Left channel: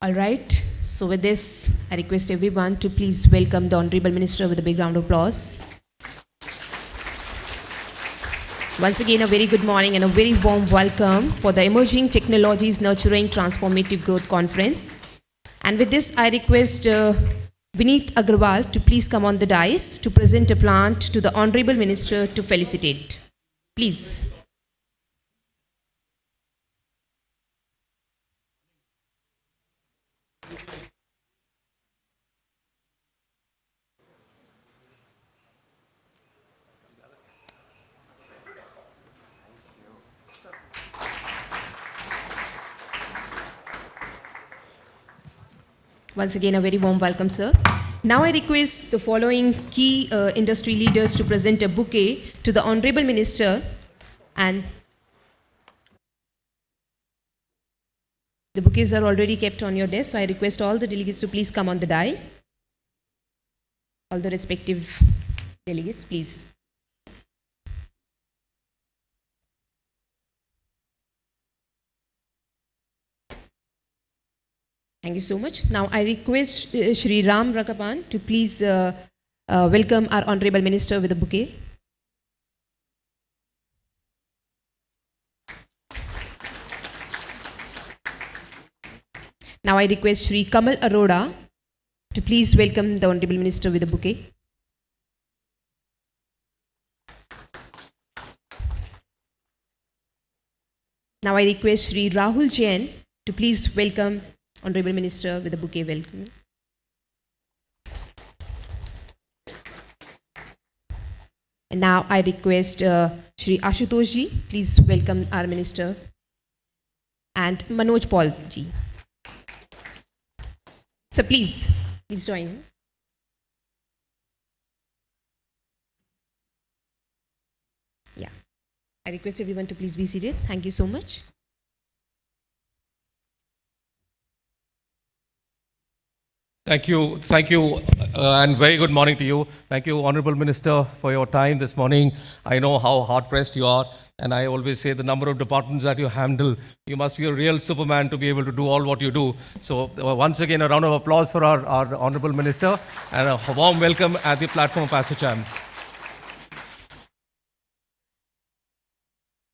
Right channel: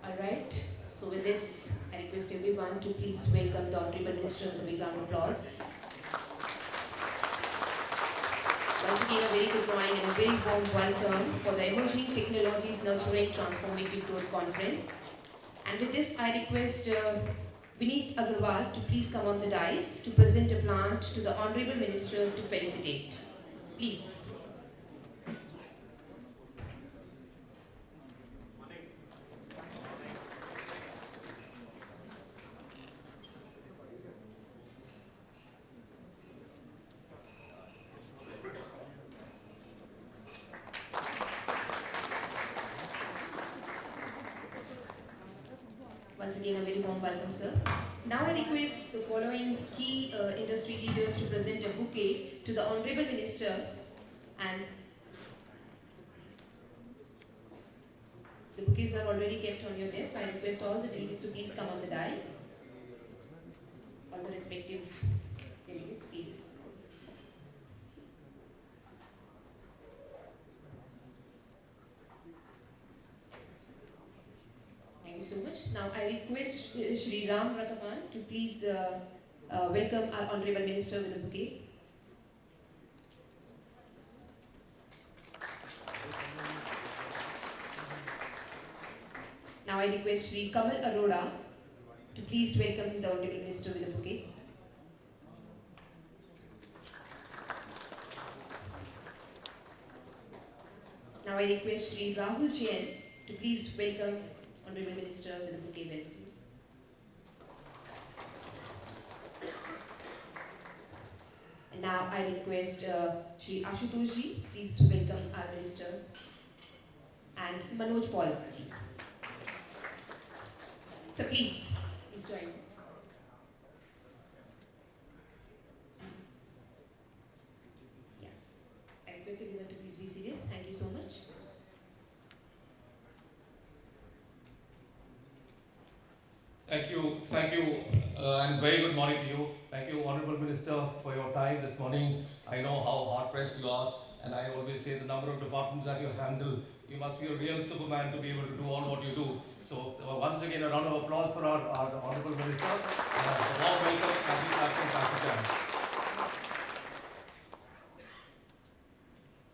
All right. So with this, I request everyone to please welcome the Honorable Minister with a big round of applause. Once again, a very good morning and a very warm welcome for the Emerging Technologies Nurturing Transformative Growth Conference. And with this, I request Vineet Agarwal to please come on the dais to present a plant to the Honorable Minister to felicitate. Please. Once again, a very warm welcome, sir. Now I request the following key industry leaders to present a bouquet to the Honorable Minister, and the bouquets are already kept on your desk, so I request all the delegates to please come on the dais. All the respective delegates, please. Thank you so much. Now I request Shri Ram Rakapan to please welcome our Honorable Minister with a bouquet. Now I request Shri Kamal Arora to please welcome the Honorable Minister with a bouquet. Now I request Shri Rahul Jain to please welcome Honorable Minister with a bouquet. Welcome. And now I request Shri Ashutosh ji, please welcome our Minister, and Manoj Paul ji. So please join. Yeah. I request everyone to please be seated. Thank you so much. Thank you, and very good morning to you. Thank you, Honorable Minister, for your time this morning. I know how hard-pressed you are, and I always say the number of departments that you handle, you must be a real Superman to be able to do all what you do. So once again, a round of applause for our Honorable Minister, and a warm welcome at the platform of ASSOCHAM.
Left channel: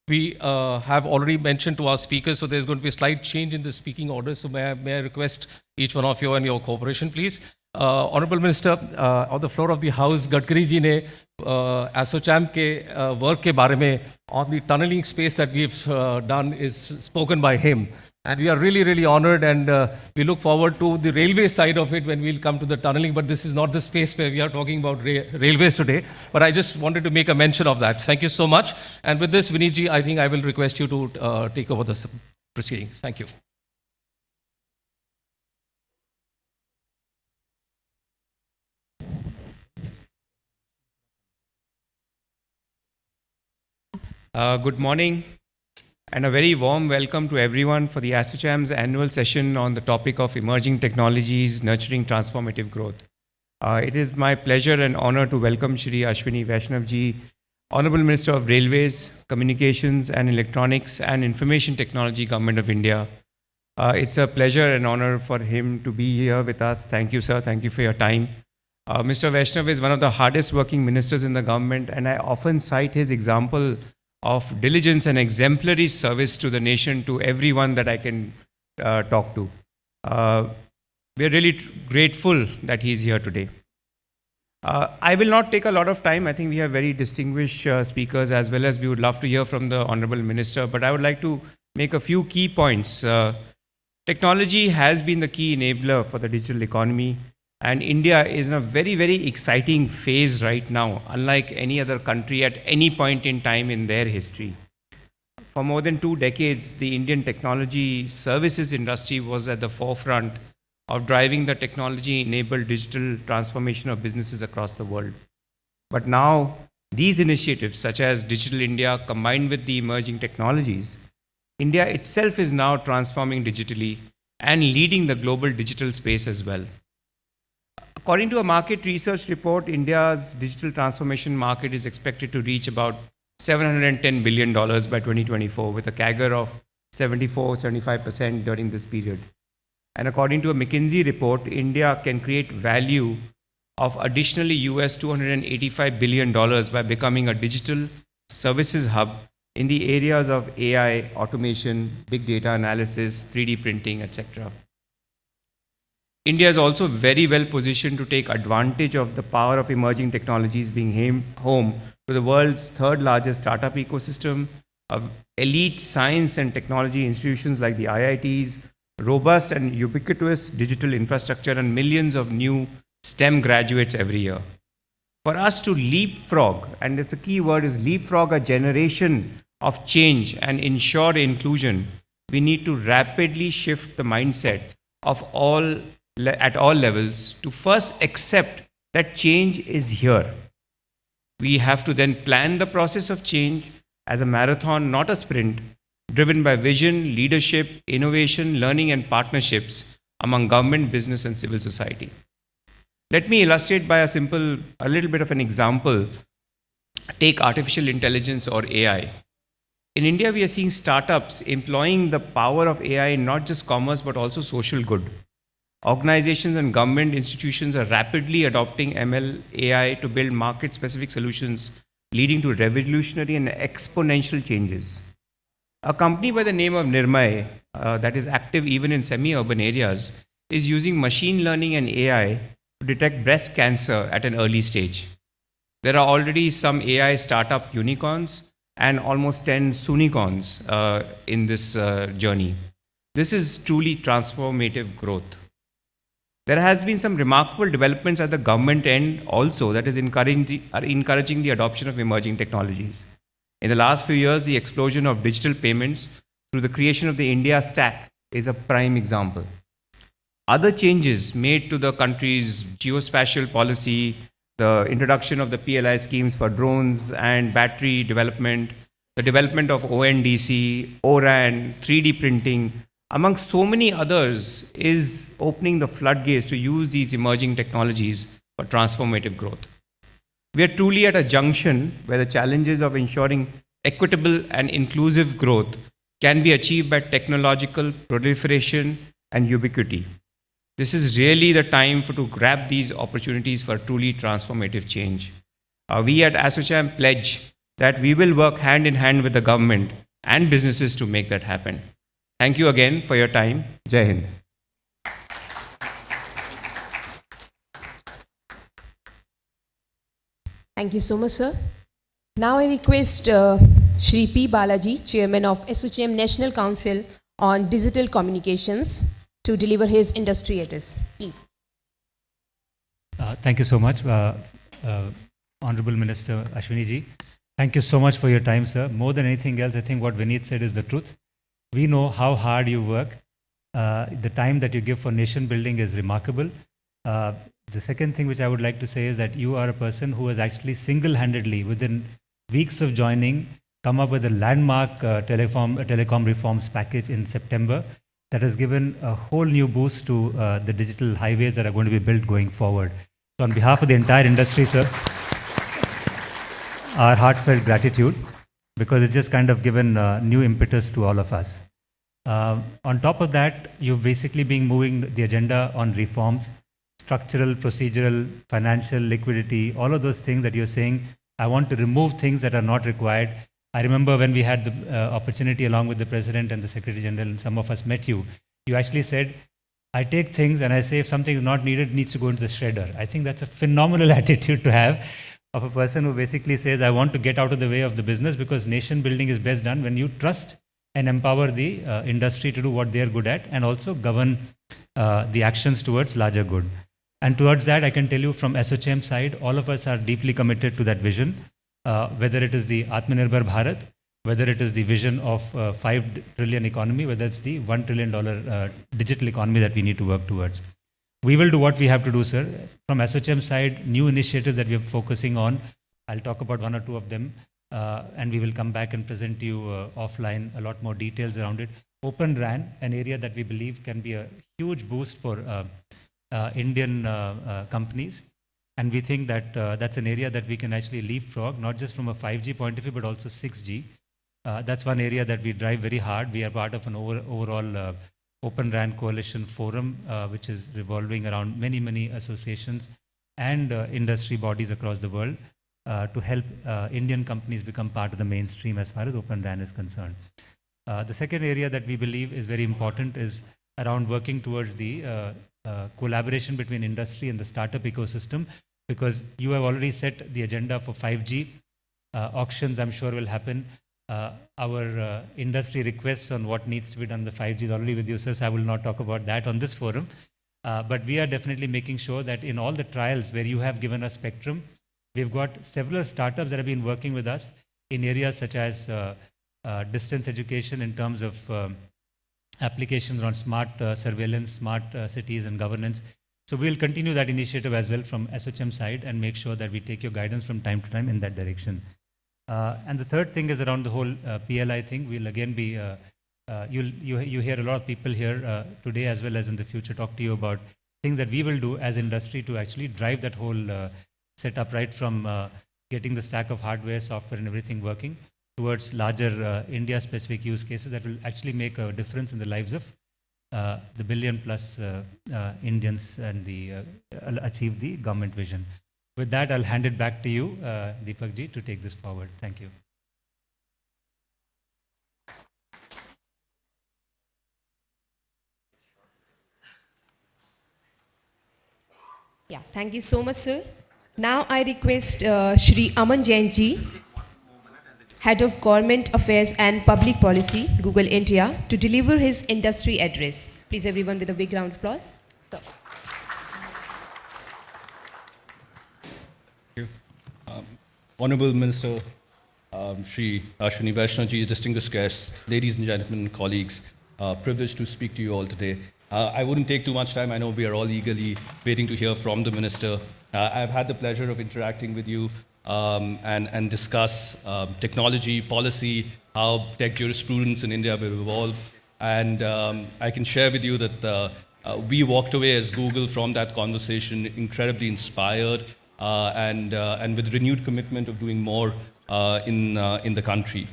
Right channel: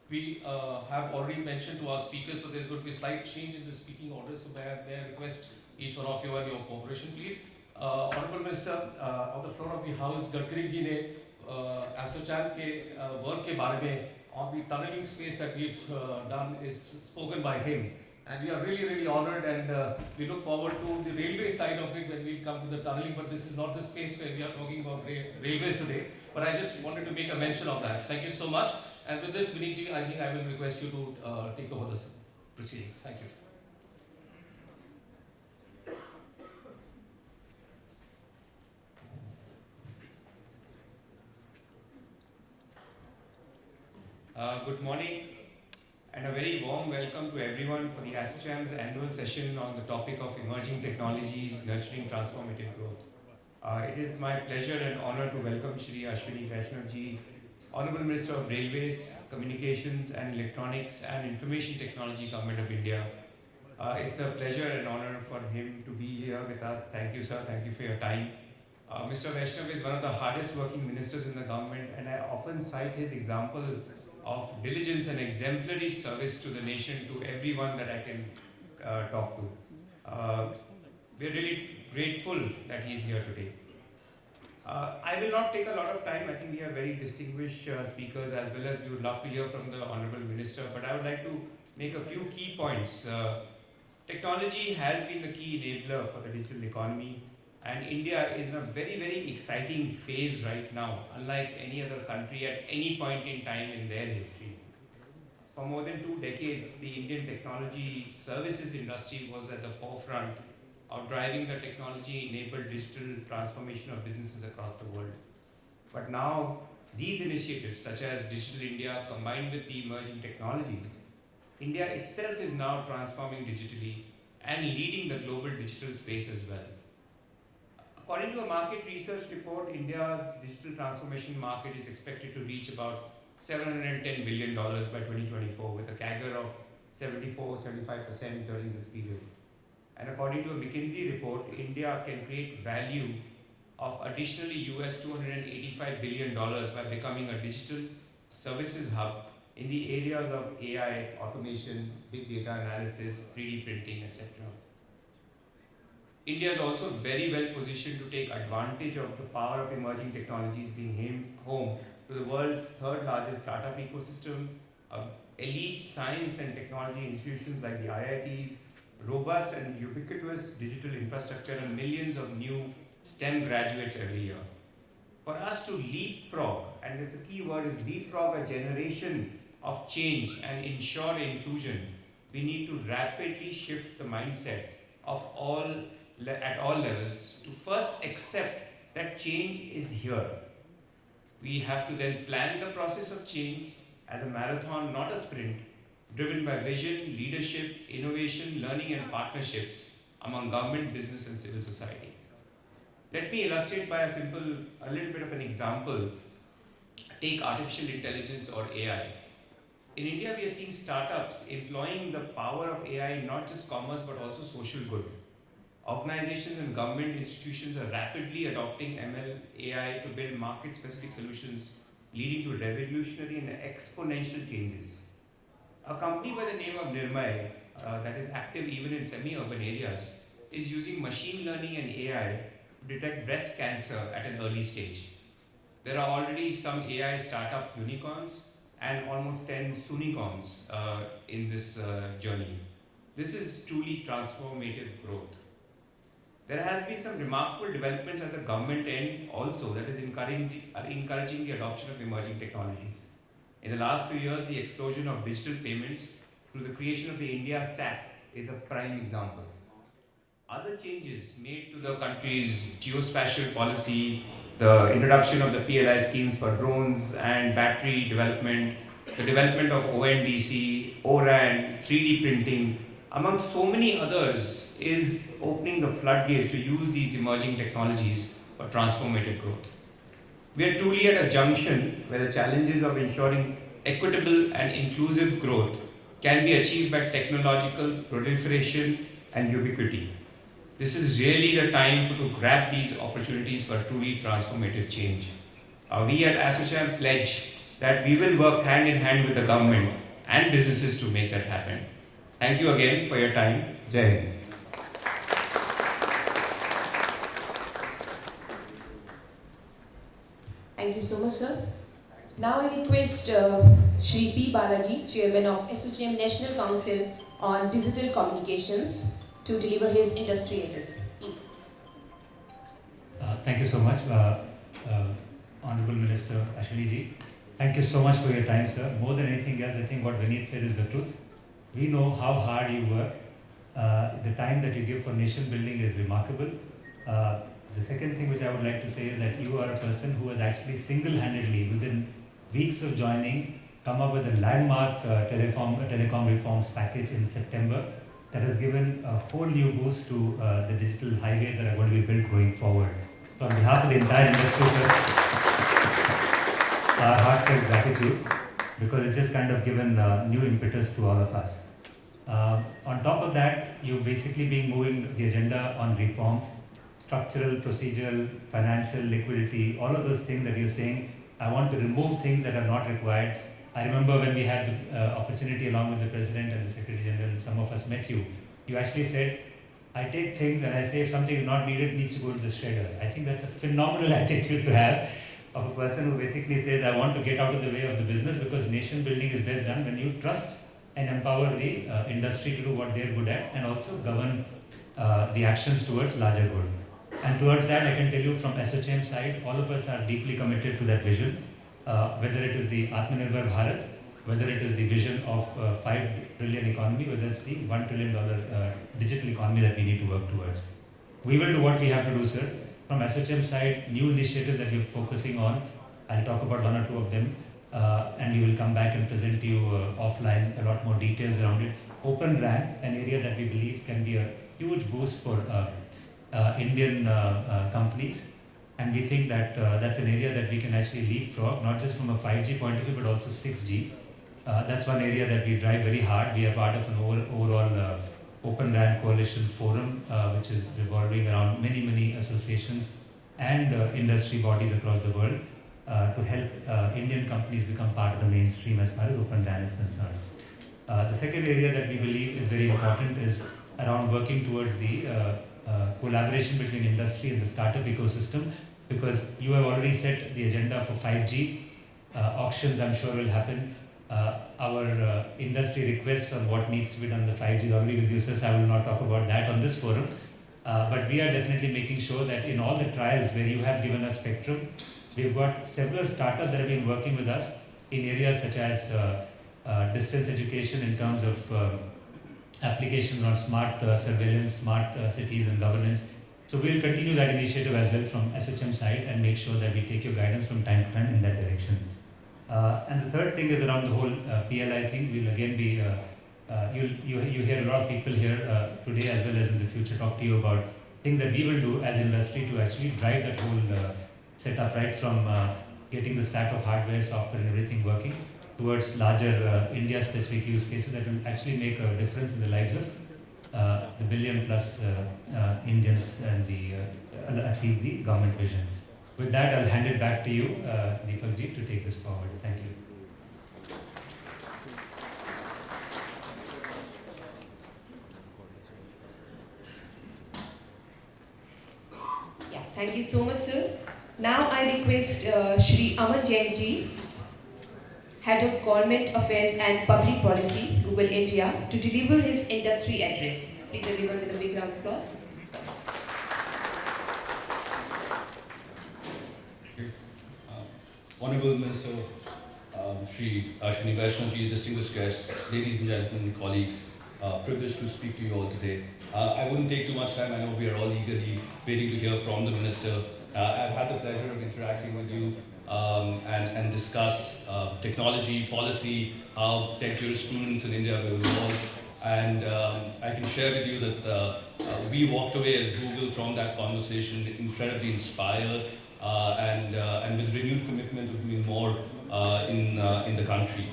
We have already mentioned to our speakers, so there's going to be a slight change in the speaking order. So may I request each one of you and your cooperation, please. Honorable Minister, on the floor of the House, Gadkari ji ne ASSOCHAM ke work ke baare mein, on the tunneling space that we've done is spoken by him. And we are really, really honored, and we look forward to the railway side of it when we'll come to the tunneling, but this is not the space where we are talking about railways today. But I just wanted to make a mention of that. Thank you so much. And with this, Vineet ji, I think I will request you to take over the proceedings. Thank you. Good morning, and a very warm welcome to everyone for the ASSOCHAM's annual session on the topic of emerging technologies nurturing transformative growth. It is my pleasure and honor to welcome Shri Ashwini Vaishnaw ji, Hon'ble Minister of Railways, Communications and Electronics and Information Technology, Government of India. It's a pleasure and honor for him to be here with us. Thank you, sir. Thank you for your time. Mr. Vaishnaw is one of the hardest working ministers in the government, and I often cite his example of diligence and exemplary service to the nation to everyone that I can talk to. We are really grateful that he's here today. I will not take a lot of time. I think we have very distinguished speakers, as well as we would love to hear from the Honorable Minister, but I would like to make a few key points. Technology has been the key enabler for the digital economy, and India is in a very, very exciting phase right now, unlike any other country at any point in time in their history. For more than 2 decades, the Indian technology services industry was at the forefront of driving the technology-enabled digital transformation of businesses across the world. But now, these initiatives, such as Digital India, combined with the emerging technologies, India itself is now transforming digitally and leading the global digital space as well. According to a market research report, India's digital transformation market is expected to reach about $710 billion by 2024, with a CAGR of 74-75% during this period. And according to a McKinsey report, India can create value of additionally US $285 billion by becoming a digital services hub in the areas of AI, automation, big data analysis, 3D printing, etc. India is also very well positioned to take advantage of the power of emerging technologies, being home to the world's third largest startup ecosystem, of elite science and technology institutions like the IITs, robust and ubiquitous digital infrastructure, and millions of new STEM graduates every year. For us to leapfrog, and it's a key word is leapfrog, a generation of change and ensure inclusion, we need to rapidly shift the mindset of at all levels to first accept that change is here. We have to then plan the process of change as a marathon, not a sprint, driven by vision, leadership, innovation, learning, and partnerships among government, business, and civil society. Let me illustrate by a little bit of an example. Take artificial intelligence or AI. In India, we are seeing startups employing the power of AI in not just commerce, but also social good. Organizations and government institutions are rapidly adopting ML AI to build market-specific solutions, leading to revolutionary and exponential changes. A company by the name of Nirmay, that is active even in semi-urban areas, is using machine learning and AI to detect breast cancer at an early stage. There are already some AI startup unicorns and almost 10 sunicorns in this journey. This is truly transformative growth. There has been some remarkable developments at the government end also that is encouraging the adoption of emerging technologies. In the last few years, the explosion of digital payments through the creation of the India Stack is a prime example. Other changes made to the country's geospatial policy, the introduction of the PLI schemes for drones and battery development, the development of ONDC, ORAN, 3D printing, among so many others, is opening the floodgates to use these emerging technologies for transformative growth. We are truly at a junction where the challenges of ensuring equitable and inclusive growth can be achieved by technological proliferation and ubiquity. This is really the time to grab these opportunities for truly transformative change. We at ASSOCHAM pledge that we will work hand in hand with the government and businesses to make that happen. Thank you again for your time. Jai Hind. Thank you so much, sir. Now I request Shri P. Balaji, Chairman of ASSOCHAM National Council on Digital Communications, to deliver his industry address. Please. Thank you so much, Honorable Minister Ashwini ji. Thank you so much for your time, sir. More than anything else, I think what Vineet said is the truth. We know how hard you work. The time that you give for nation building is remarkable. The second thing which I would like to say is that you are a person who has actually single-handedly, within weeks of joining, come up with a landmark telecom reforms package in September that has given a whole new boost to the digital highways that are going to be built going forward. So on behalf of the entire industry, sir, our heartfelt gratitude, because it's just kind of given new impetus to all of us. On top of that, you've basically been moving the agenda on reforms, structural, procedural, financial, liquidity, all of those things that you're saying, I want to remove things that are not required. I remember when we had the opportunity along with the President and the Secretary General, and some of us met you, you actually said, I take things and I say if something is not needed, it needs to go into the shredder. I think that's a phenomenal attitude to have of a person who basically says, I want to get out of the way of the business, because nation building is best done when you trust and empower the industry to do what they are good at, and also govern the actions towards larger good. And towards that, I can tell you from ASSOCHAM side, all of us are deeply committed to that vision, whether it is the Atmanirbhar Bharat, whether it is the vision of 5 trillion economy, whether it's the $1 trillion digital economy that we need to work towards. We will do what we have to do, sir. From ASSOCHAM side, new initiatives that we are focusing on, I'll talk about one or two of them, and we will come back and present to you offline a lot more details around it. Open RAN, an area that we believe can be a huge boost for Indian companies, and we think that that's an area that we can actually leapfrog, not just from a 5G point of view, but also 6G. That's one area that we drive very hard. We are part of an overall Open RAN Coalition Forum, which is revolving around many associations and industry bodies across the world to help Indian companies become part of the mainstream as far as Open RAN is concerned. The second area that we believe is very important is around working towards the collaboration between industry and the startup ecosystem, because you have already set the agenda for 5G. Auctions, I'm sure, will happen. Our industry requests on what needs to be done on the 5G is already with you, sir, so I will not talk about that on this forum. But we are definitely making sure that in all the trials where you have given us spectrum, we've got several startups that have been working with us in areas such as distance education in terms of applications on smart surveillance, smart cities and governance. So we'll continue that initiative as well from ASSOCHAM side and make sure that we take your guidance from time to time in that direction. And the third thing is around the whole PLI thing. We'll again be, you hear a lot of people here today as well as in the future talk to you about things that we will do as industry to actually drive that whole setup, right from getting the stack of hardware, software and everything working towards larger India-specific use cases that will actually make a difference in the lives of the billion plus Indians and achieve the government vision. With that, I'll hand it back to you, Deepak ji, to take this forward. Thank you. Yeah, thank you so much, sir. Now I request Shri Aman Jain ji, Head of Government Affairs and Public Policy, Google India, to deliver his industry address. Please everyone with a big round of applause. Hon'ble Minister Shri Ashwini Vaishnaw ji, distinguished guests, ladies and gentlemen, colleagues, privileged to speak to you all today. I wouldn't take too much time. I know we are all eagerly waiting to hear from the Minister. I've had the pleasure of interacting with you and discuss technology, policy, how tech jurisprudence in India will evolve. And I can share with you that we walked away as Google from that conversation incredibly inspired and with renewed commitment of doing more in the country.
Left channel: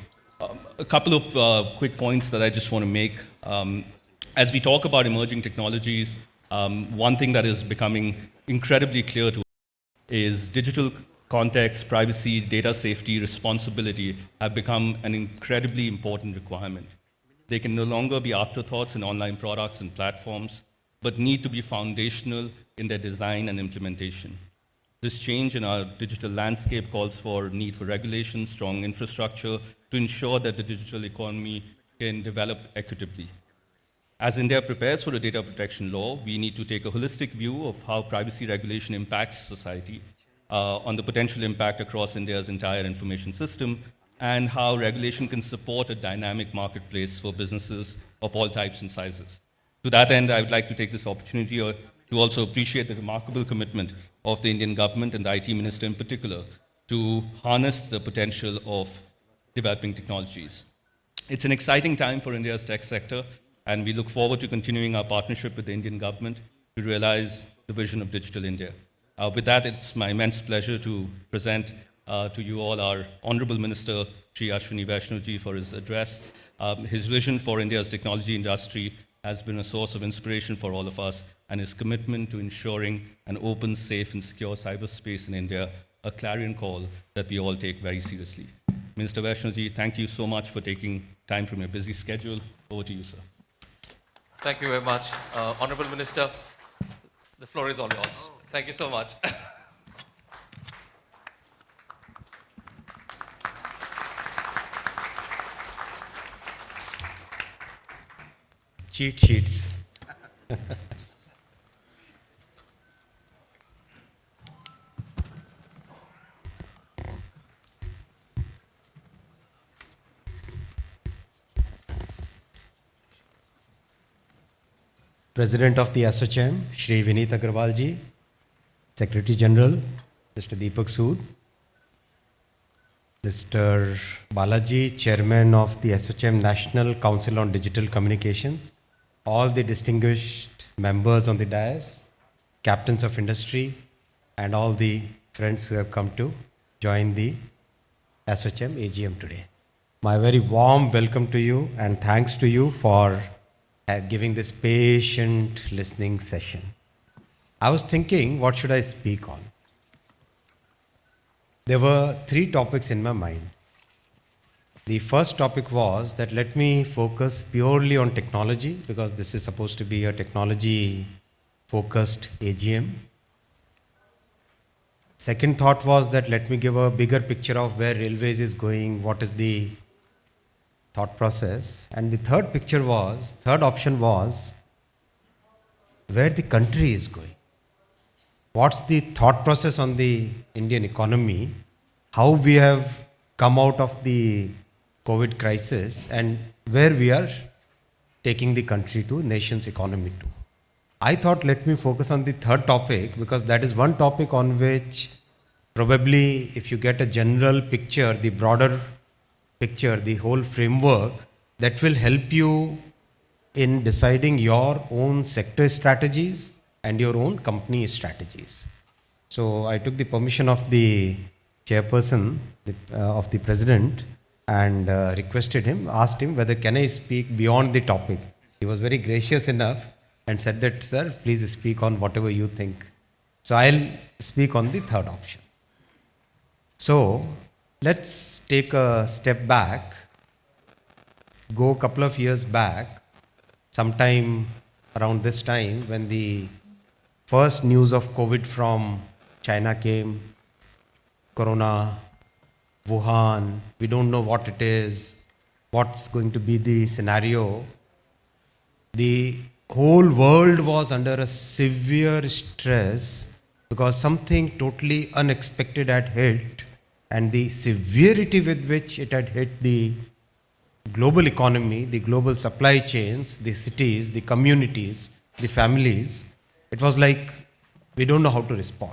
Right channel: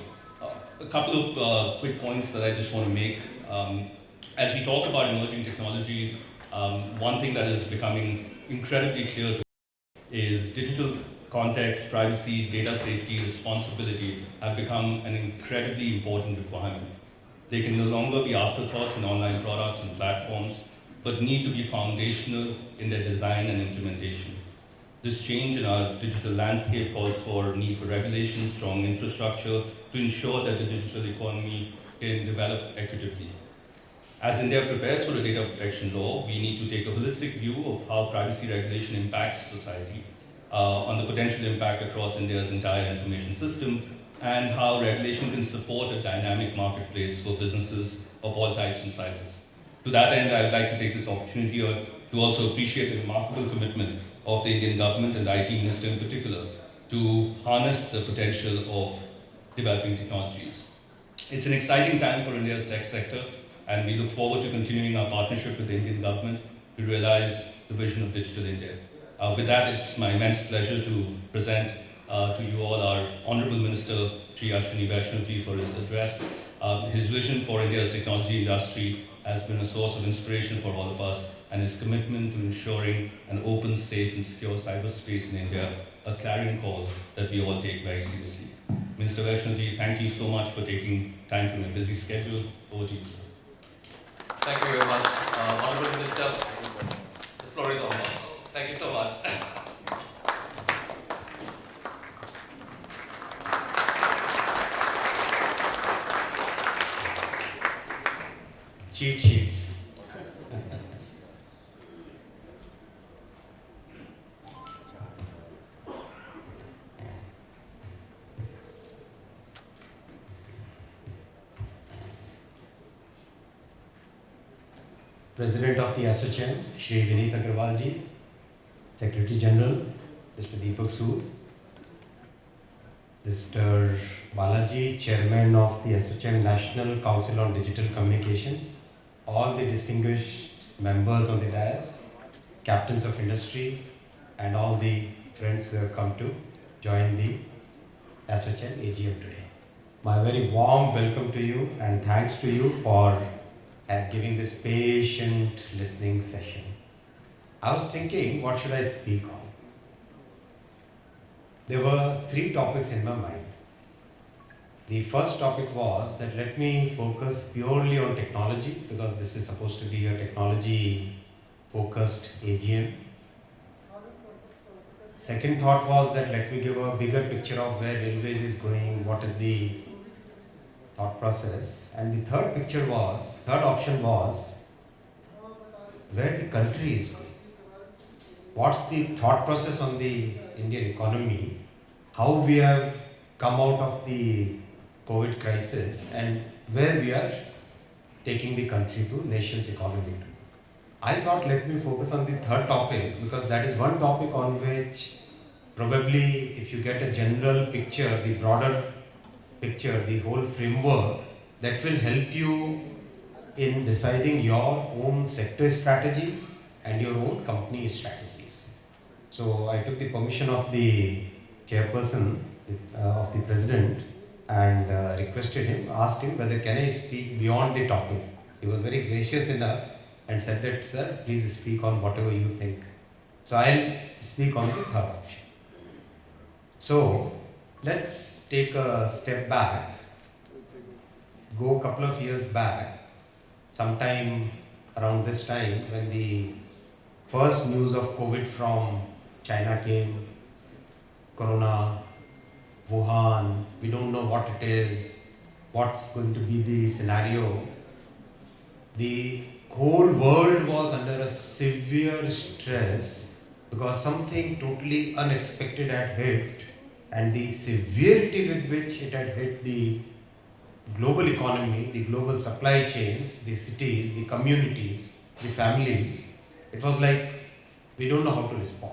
A couple of quick points that I just want to make. As we talk about emerging technologies, one thing that is becoming incredibly clear to us is digital context, privacy, data safety, responsibility have become an incredibly important requirement. They can no longer be afterthoughts in online products and platforms, but need to be foundational in their design and implementation. This change in our digital landscape calls for need for regulation, strong infrastructure to ensure that the digital economy can develop equitably. As India prepares for a data protection law, we need to take a holistic view of how privacy regulation impacts society, on the potential impact across India's entire information system, and how regulation can support a dynamic marketplace for businesses of all types and sizes. To that end, I would like to take this opportunity to also appreciate the remarkable commitment of the Indian government and the IT Minister in particular to harness the potential of developing technologies. It's an exciting time for India's tech sector, and we look forward to continuing our partnership with the Indian government to realize the vision of Digital India. With that, it's my immense pleasure to present to you all our Honorable Minister, Shri Ashwini Vaishnaw ji, for his address. His vision for India's technology industry has been a source of inspiration for all of us, and his commitment to ensuring an open, safe and secure cyberspace in India, a clarion call that we all take very seriously. Minister Vaishnaw ji, thank you so much for taking time from your busy schedule. Over to you, sir. Thank you very much, Honorable Minister. The floor is all yours. Thank you so much. Cheat sheets. President of the ASSOCHAM, Shri Vineet Agarwal ji, Secretary General, Mr. Deepak Sood, Mr. Balaji, Chairman of the ASSOCHAM National Council on Digital Communication, all the distinguished members on the dais, captains of industry, and all the friends who have come to join the ASSOCHAM AGM today. My very warm welcome to you and thanks to you for giving this patient listening session. I was thinking, what should I speak on? There were 3 topics in my mind. The first topic was that let me focus purely on technology, because this is supposed to be a technology focused AGM. Second thought was that let me give a bigger picture of where railways is going, what is the thought process. And the third option was where the country is going. What's the thought process on the Indian economy, how we have come out of the COVID crisis and where we are taking the country to, nation's economy to. I thought let me focus on the third topic, because that is one topic on which probably if you get a general picture, the broader picture, the whole framework, that will help you in deciding your own sector strategies and your own company strategies. So I took the permission of the chairperson, of the president, and requested him, asked him whether can I speak beyond the topic. He was very gracious enough and said that, sir, please speak on whatever you think. So I'll speak on the third option. So let's take a step back, go a couple of years back, sometime around this time when the first news of COVID from China came, Corona, Wuhan, we don't know what it is, what's going to be the scenario. The whole world was under a severe stress because something totally unexpected had hit, and the severity with which it had hit the global economy, the global supply chains, the cities, the communities, the families, it was like we don't know how to respond.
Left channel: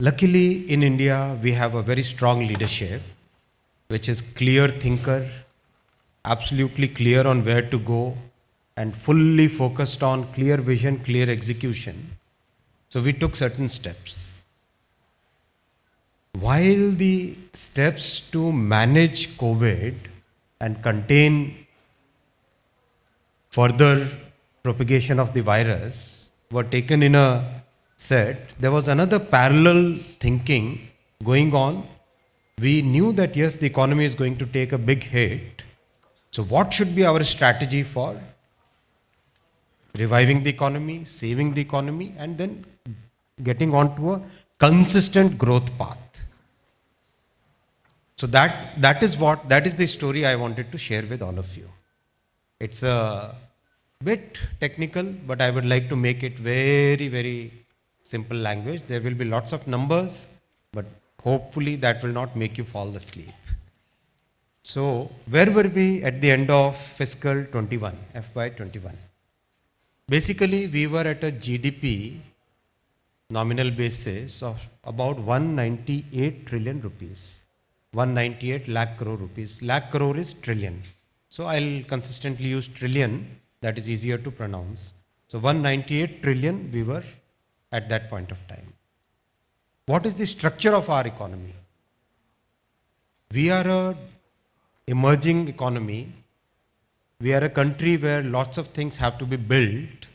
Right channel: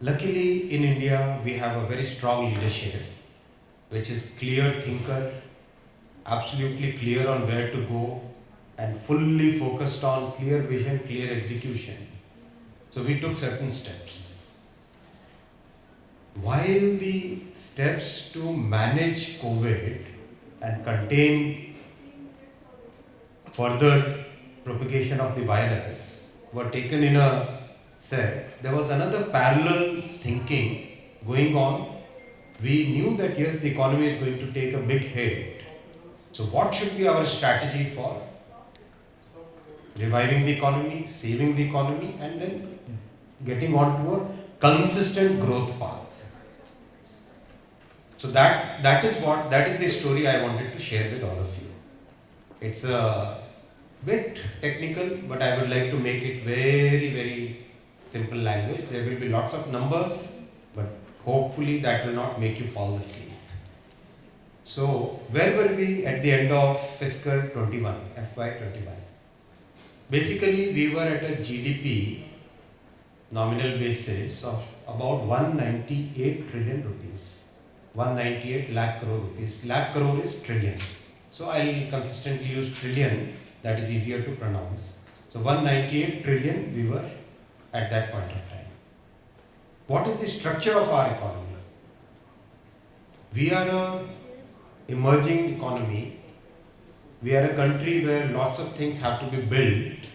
Luckily in India we have a very strong leadership which is clear thinker, absolutely clear on where to go, and fully focused on clear vision, clear execution. So we took certain steps. While the steps to manage COVID and contain further propagation of the virus were taken in a set, there was another parallel thinking going on. We knew that yes, the economy is going to take a big hit. So what should be our strategy for reviving the economy, saving the economy, and then getting onto a consistent growth path? So that is the story I wanted to share with all of you. It's a bit technical, but I would like to make it very, very simple language. There will be lots of numbers, but hopefully that will not make you fall asleep. So where were we at the end of fiscal 21, FY21? Basically, we were at a GDP nominal basis of about 198 trillion rupees. 198 lakh crore rupees. Lakh crore is trillion. So I'll consistently use trillion, that is easier to pronounce. So 198 trillion we were at that point of time. What is the structure of our economy? We are a emerging economy. We are a country where lots of things have to be built.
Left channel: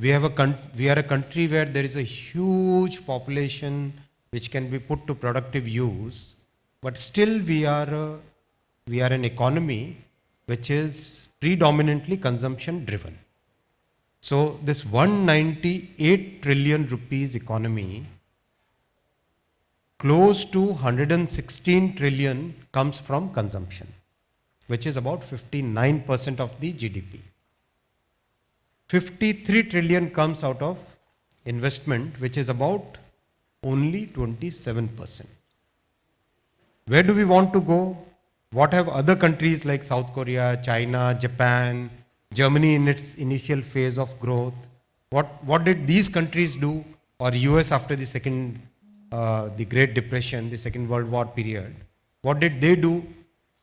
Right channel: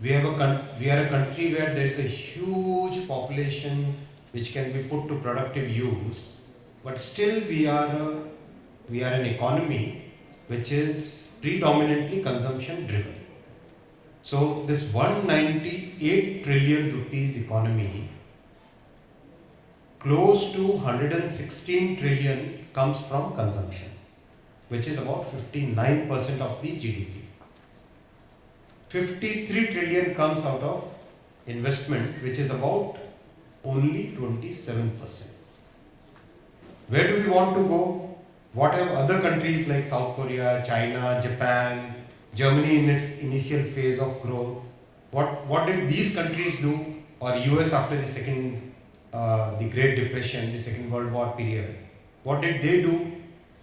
We are a country where there is a huge population which can be put to productive use. But still we are an economy which is predominantly consumption driven. So this 198 trillion rupees economy, close to 116 trillion comes from consumption, which is about 59% of the GDP. 53 trillion comes out of investment, which is about only 27%. Where do we want to go? What have other countries like South Korea, China, Japan, Germany in its initial phase of growth? What did these countries do? Or US after the Great Depression, the Second World War period? What did they do?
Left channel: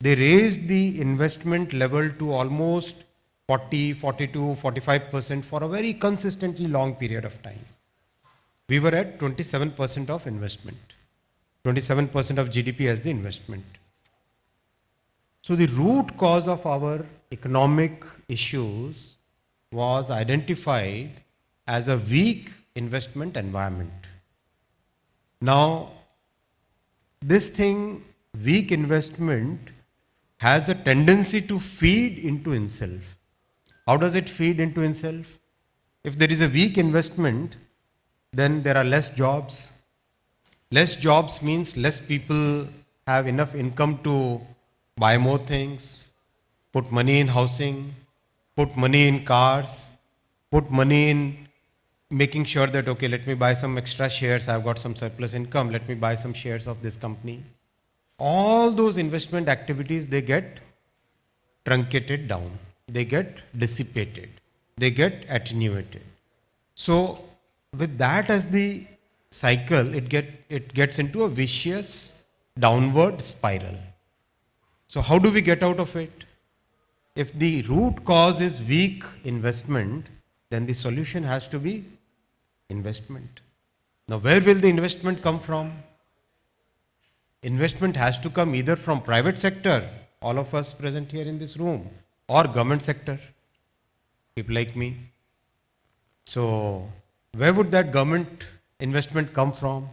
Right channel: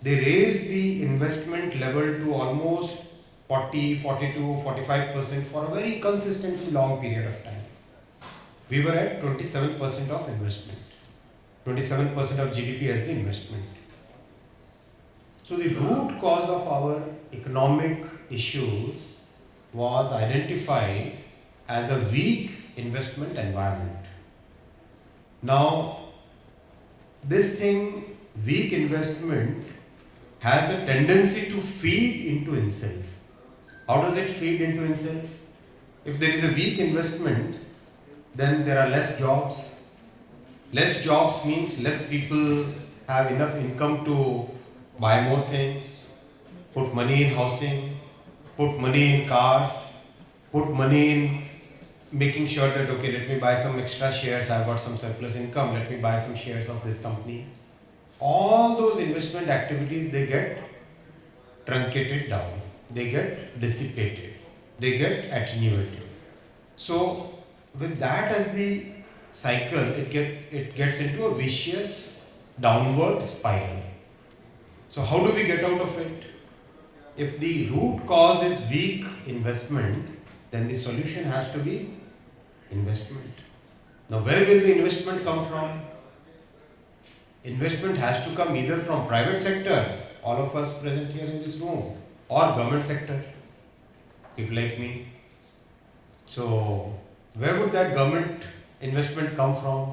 They raised the investment level to almost 40, 42, 45% for a very consistently long period of time. We were at 27% of investment. 27% of GDP as the investment. So the root cause of our economic issues was identified as a weak investment environment. Now, this thing, weak investment, has a tendency to feed into itself. How does it feed into itself? If there is a weak investment, then there are less jobs. Less jobs means less people have enough income to buy more things, put money in housing, put money in cars, put money in making sure that, okay, let me buy some extra shares, I've got some surplus income, let me buy some shares of this company. All those investment activities, they get truncated down, they get dissipated, they get attenuated. So with that as the cycle, it gets into a vicious downward spiral. So how do we get out of it? If the root cause is weak investment, then the solution has to be investment. Now where will the investment come from? Investment has to come either from private sector, all of us present here in this room, or government sector, people like me. So where would that government investment come from?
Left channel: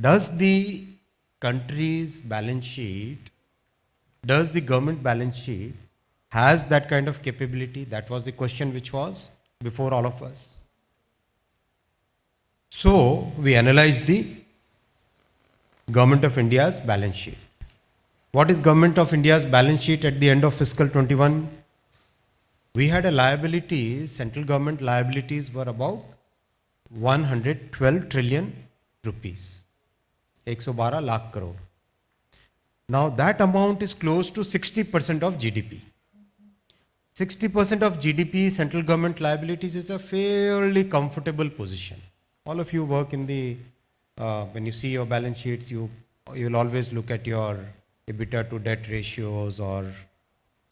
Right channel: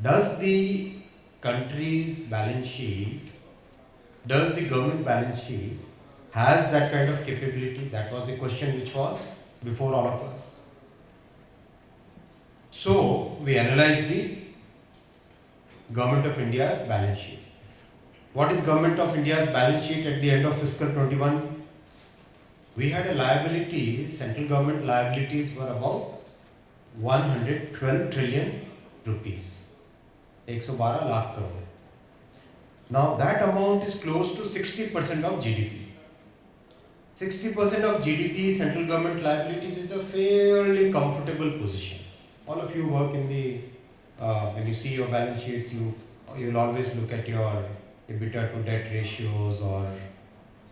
Does the country's balance sheet, does the government balance sheet has that kind of capability? That was the question which was before all of us. So we analyzed the Government of India's balance sheet. What is Government of India's balance sheet at the end of fiscal 21? We had a liability, central government liabilities were about 112 trillion rupees. 112 lakh crore. Now that amount is close to 60% of GDP. 60% of GDP, central government liabilities, is a fairly comfortable position. All of you work in the, when you see your balance sheets, you will always look at your EBITDA to debt ratios or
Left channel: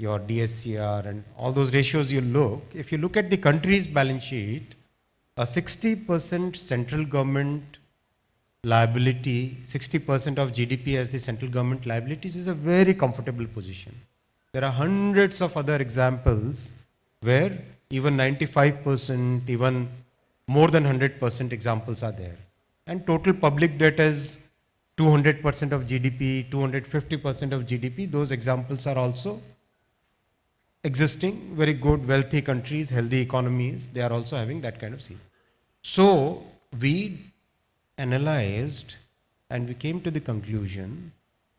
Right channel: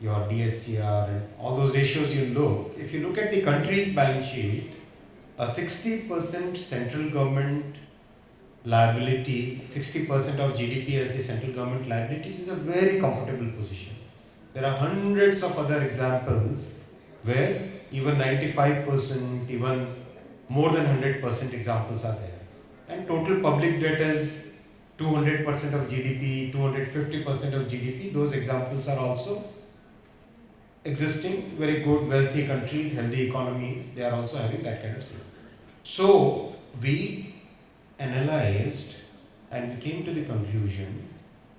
your DSCR and all those ratios you look. If you look at the country's balance sheet, a 60% central government liability, 60% of GDP as the central government liabilities is a very comfortable position. There are hundreds of other examples where even 95%, even more than 100% examples are there. And total public debt is 200% of GDP, 250% of GDP. Those examples are also existing. Very good, wealthy countries, healthy economies, they are also having that kind of thing. So we analyzed and we came to the conclusion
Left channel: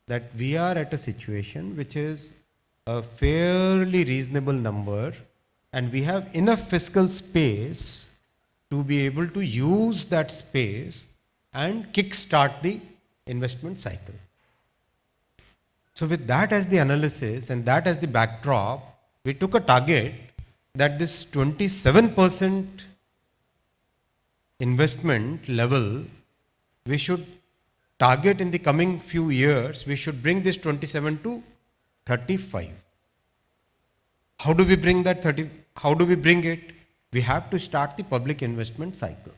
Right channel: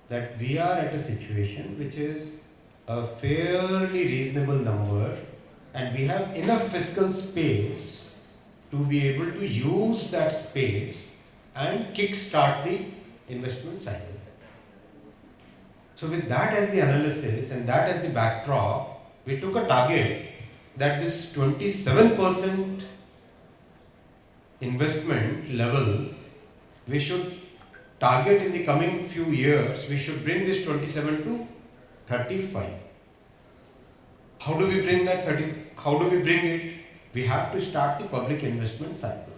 that we are at a situation which is a fairly reasonable number, and we have enough fiscal space to be able to use that space and kick-start the investment cycle. So with that as the analysis and that as the backdrop, we took a target that this 27% investment level, we should target in the coming few years, we should bring this 27 to 35. How do we bring that 30? How do we bring it? We have to start the public investment cycle.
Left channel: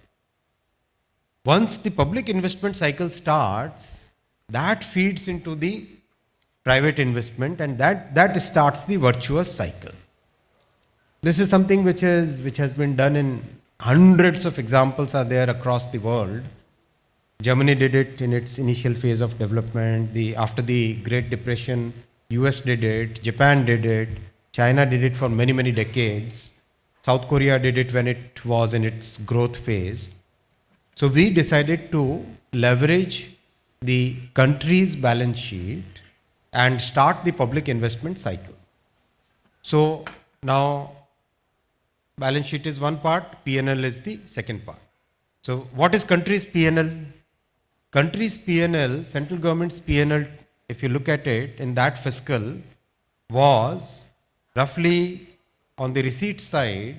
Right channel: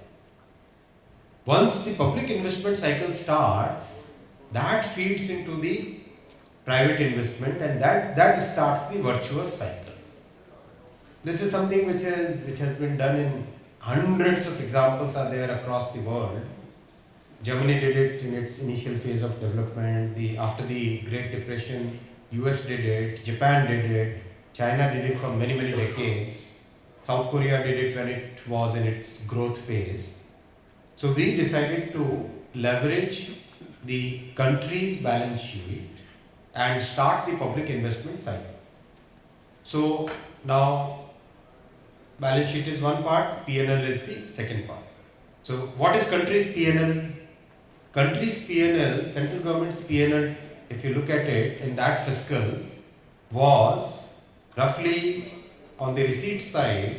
Once the public investment cycle starts, that feeds into the private investment, and that starts the virtuous cycle. This is something which has been done in hundreds of examples are there across the world. Germany did it in its initial phase of development. After the Great Depression, US did it, Japan did it, China did it for many, many decades. South Korea did it when it was in its growth phase. So we decided to leverage the country's balance sheet and start the public investment cycle. So now balance sheet is one part, P&L is the second part. So what is country's P&L? Country's P&L, central government's P&L, if you look at it in that fiscal, was roughly on the receipt side,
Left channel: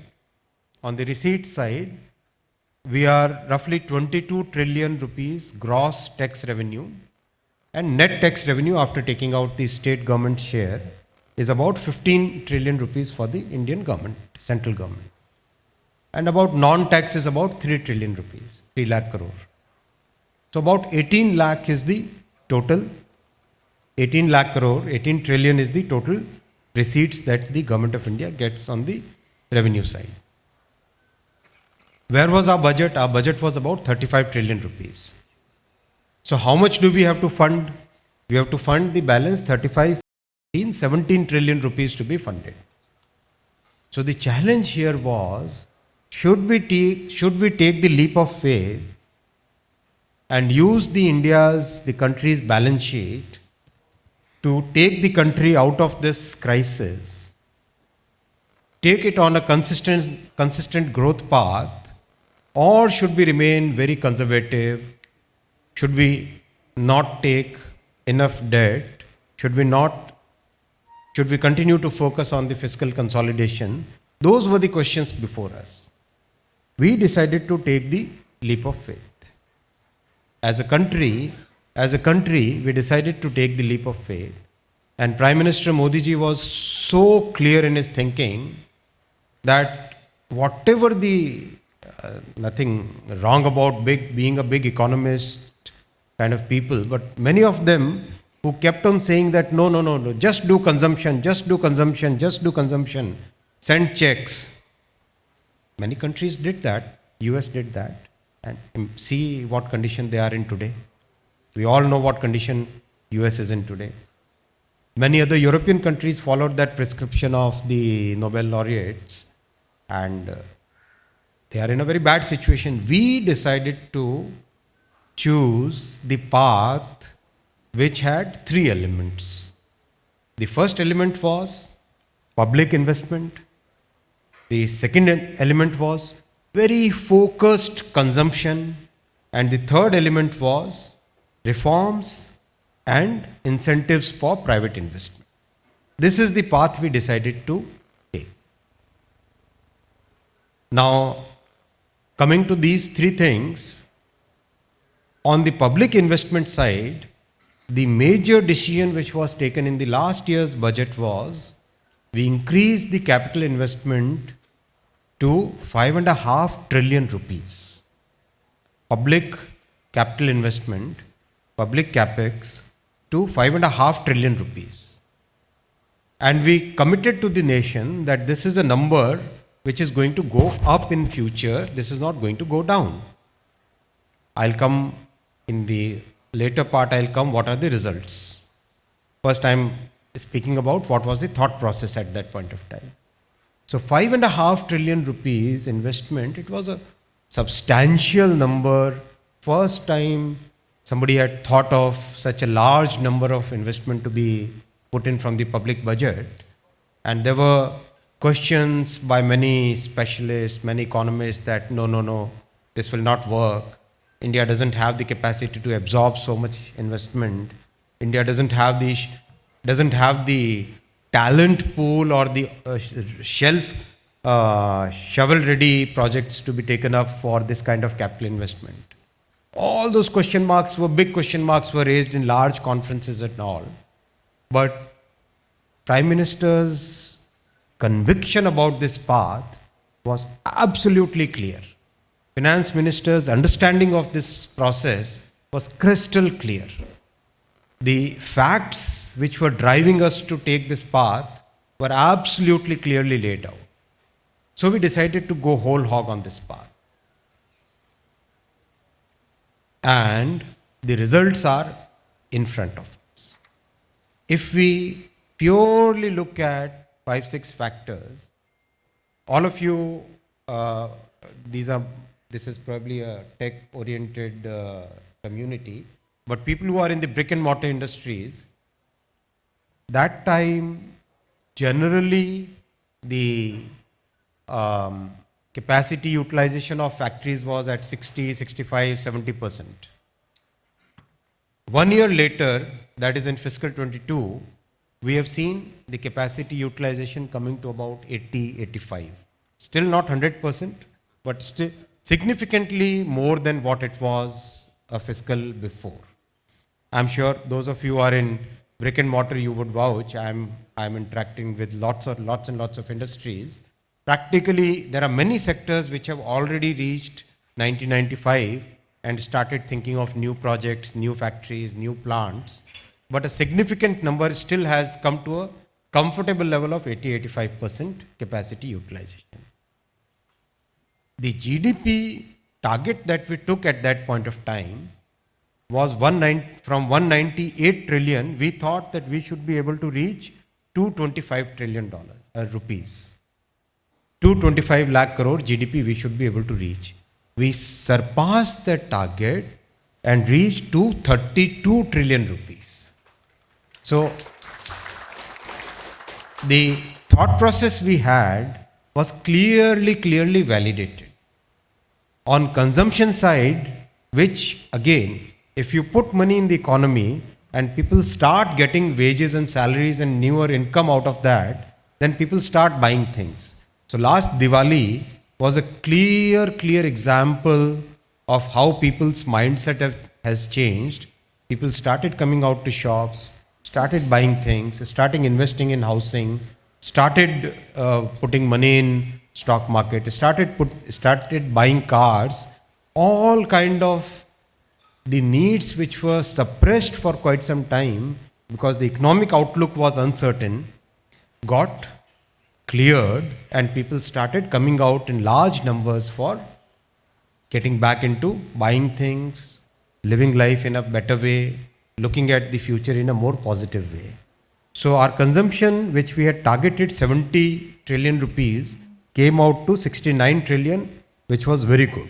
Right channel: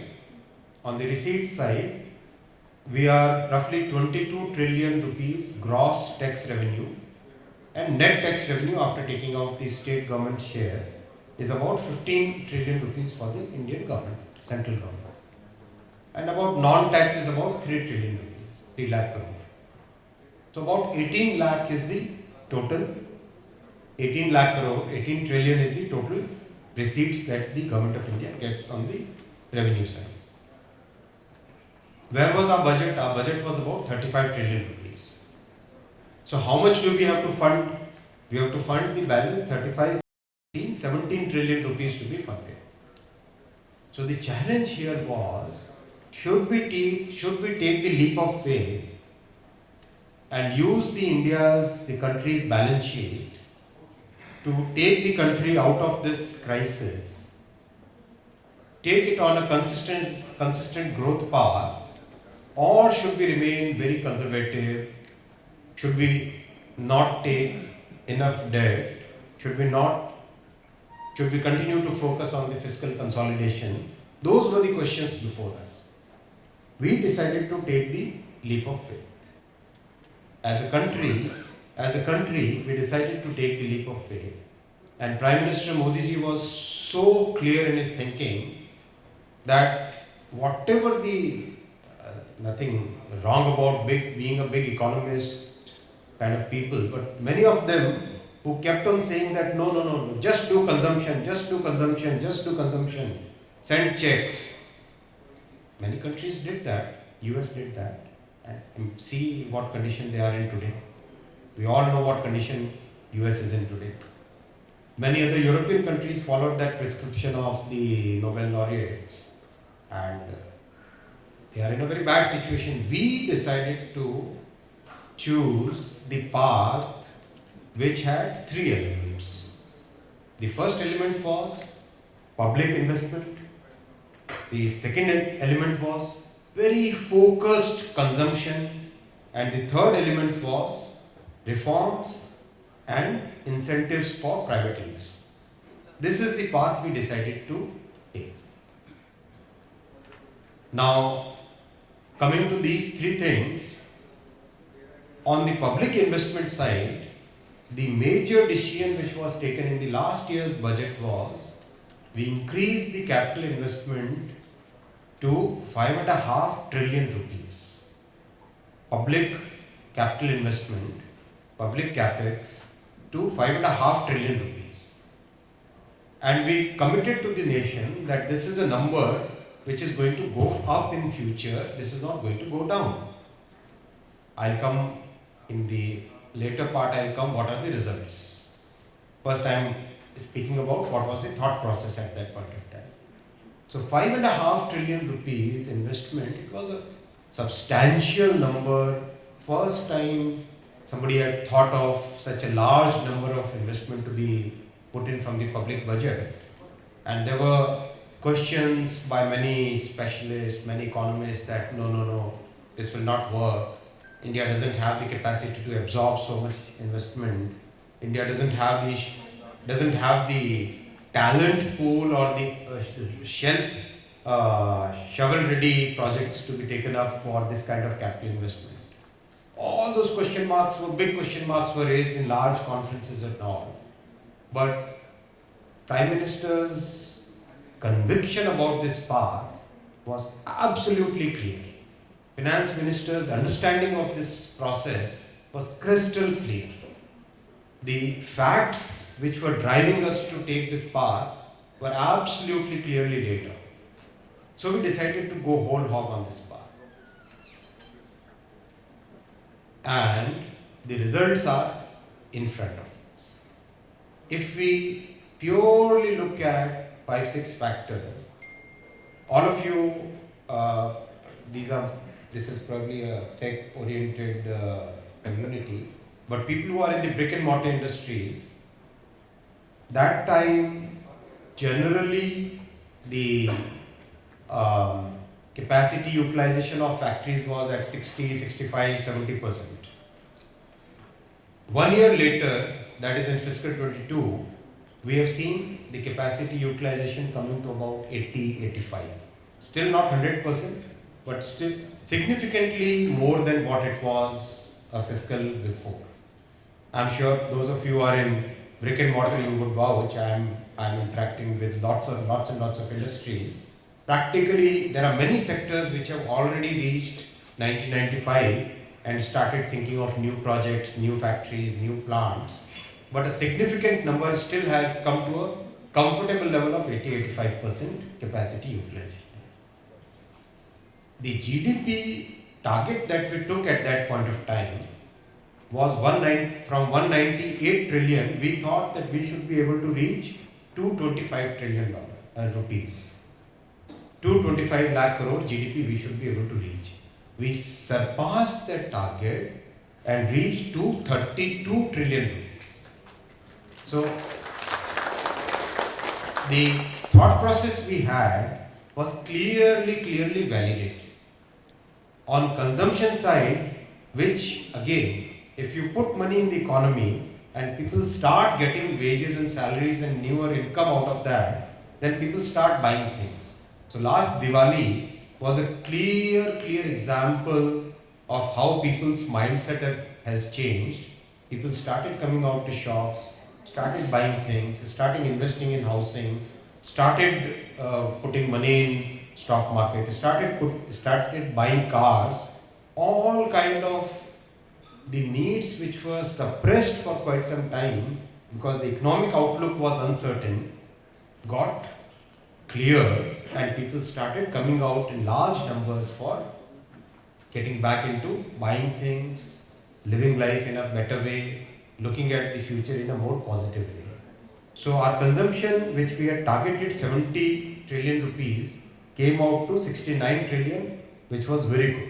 we are roughly 22 trillion rupees gross tax revenue, and net tax revenue after taking out the state government share is about 15 trillion rupees for the Indian government, central government. And about non-tax is about 3 trillion rupees, 3 lakh crore. So about 18 lakh is the total 18 lakh crore, 18 trillion is the total receipts that the government of India gets on the revenue side. Where was our budget? Our budget was about 35 trillion rupees. So how much do we have to fund? We have to fund the balance 35, 17 trillion rupees to be funded. So the challenge here was, should we take the leap of faith and use the country's balance sheet to take the country out of this crisis, take it on a consistent growth path, or should we remain very conservative? Should we not take enough debt? Should we continue to focus on the fiscal consolidation? Those were the questions before us. We decided to take the leap of faith. As a country, we decided to take the leap of faith. And Prime Minister Modi ji was so clear in his thinking that whatever nothing wrong about being a big economist kind of people, but many of them who kept on saying that no, just do consumption, send checks. Many countries did that, US did that, and see what condition they are in today. We all know what condition US is in today. Many other European countries followed that prescription of the Nobel laureates, and they are in a very bad situation. We decided to choose the path which had three elements. The first element was public investment. The second element was very focused consumption. And the third element was reforms and incentives for private investment. This is the path we decided to take. Now, coming to these three things, on the public investment side, the major decision which was taken in the last year's budget was we increased the capital investment to 5.5 trillion rupees. Public capital investment, public capex to 5.5 trillion rupees. And we committed to the nation that this is a number which is going to go up in future. This is not going to go down. I'll come in the later part, what are the results. First, I'm speaking about what was the thought process at that point of time. So 5.5 trillion rupees investment, it was a substantial number. First time somebody had thought of such a large number of investment to be put in from the public budget. And there were questions by many specialists, many economists that no, this will not work. India doesn't have the capacity to absorb so much investment. India doesn't have the talent pool or the shovel-ready projects to be taken up for this kind of capital investment. All those big question marks were raised in large conferences and all. But Prime Minister's conviction about this path was absolutely clear. Finance Minister's understanding of this process was crystal clear. The facts which were driving us to take this path were absolutely clearly laid out. So we decided to go whole hog on this path. And the results are in front of us. If we purely look at 5-6 factors, all of you, this is probably a tech-oriented community, but people who are in the brick and mortar industries, that time generally the capacity utilization of factories was at 60, 65, 70%. 1 year later, that is in fiscal 22, we have seen the capacity utilization coming to about 80, 85. Still not 100%, but still significantly more than what it was a fiscal before. I'm sure those of you who are in brick and mortar, you would vouch. I'm interacting with lots and lots of industries. Practically, there are many sectors which have already reached 1995 and started thinking of new projects, new factories, new plants. but a significant number still has come to a comfortable level of 80-85% capacity utilization. The GDP target that we took at that point of time was from 198 trillion, we thought that we should be able to reach $225 trillion rupees. 225 lakh crore GDP we should be able to reach. We surpassed that target and reached to 32 trillion rupees. So the thought process we had was clearly validated. On consumption side, which again, if you put money in the economy and people start getting wages and salaries and newer income out of that, then people start buying things. So last Diwali was a clear example of how people's mindset has changed. People started coming out to shops, started buying things, starting investing in housing, started putting money in stock market, started buying cars, all kind of the needs which were suppressed for quite some time because the economic outlook was uncertain, got cleared and people started coming out in large numbers for getting back into buying things, living life in a better way, looking at the future in a more positive way. So our consumption, which we had targeted 70 trillion rupees, came out to 69 trillion, which was very good.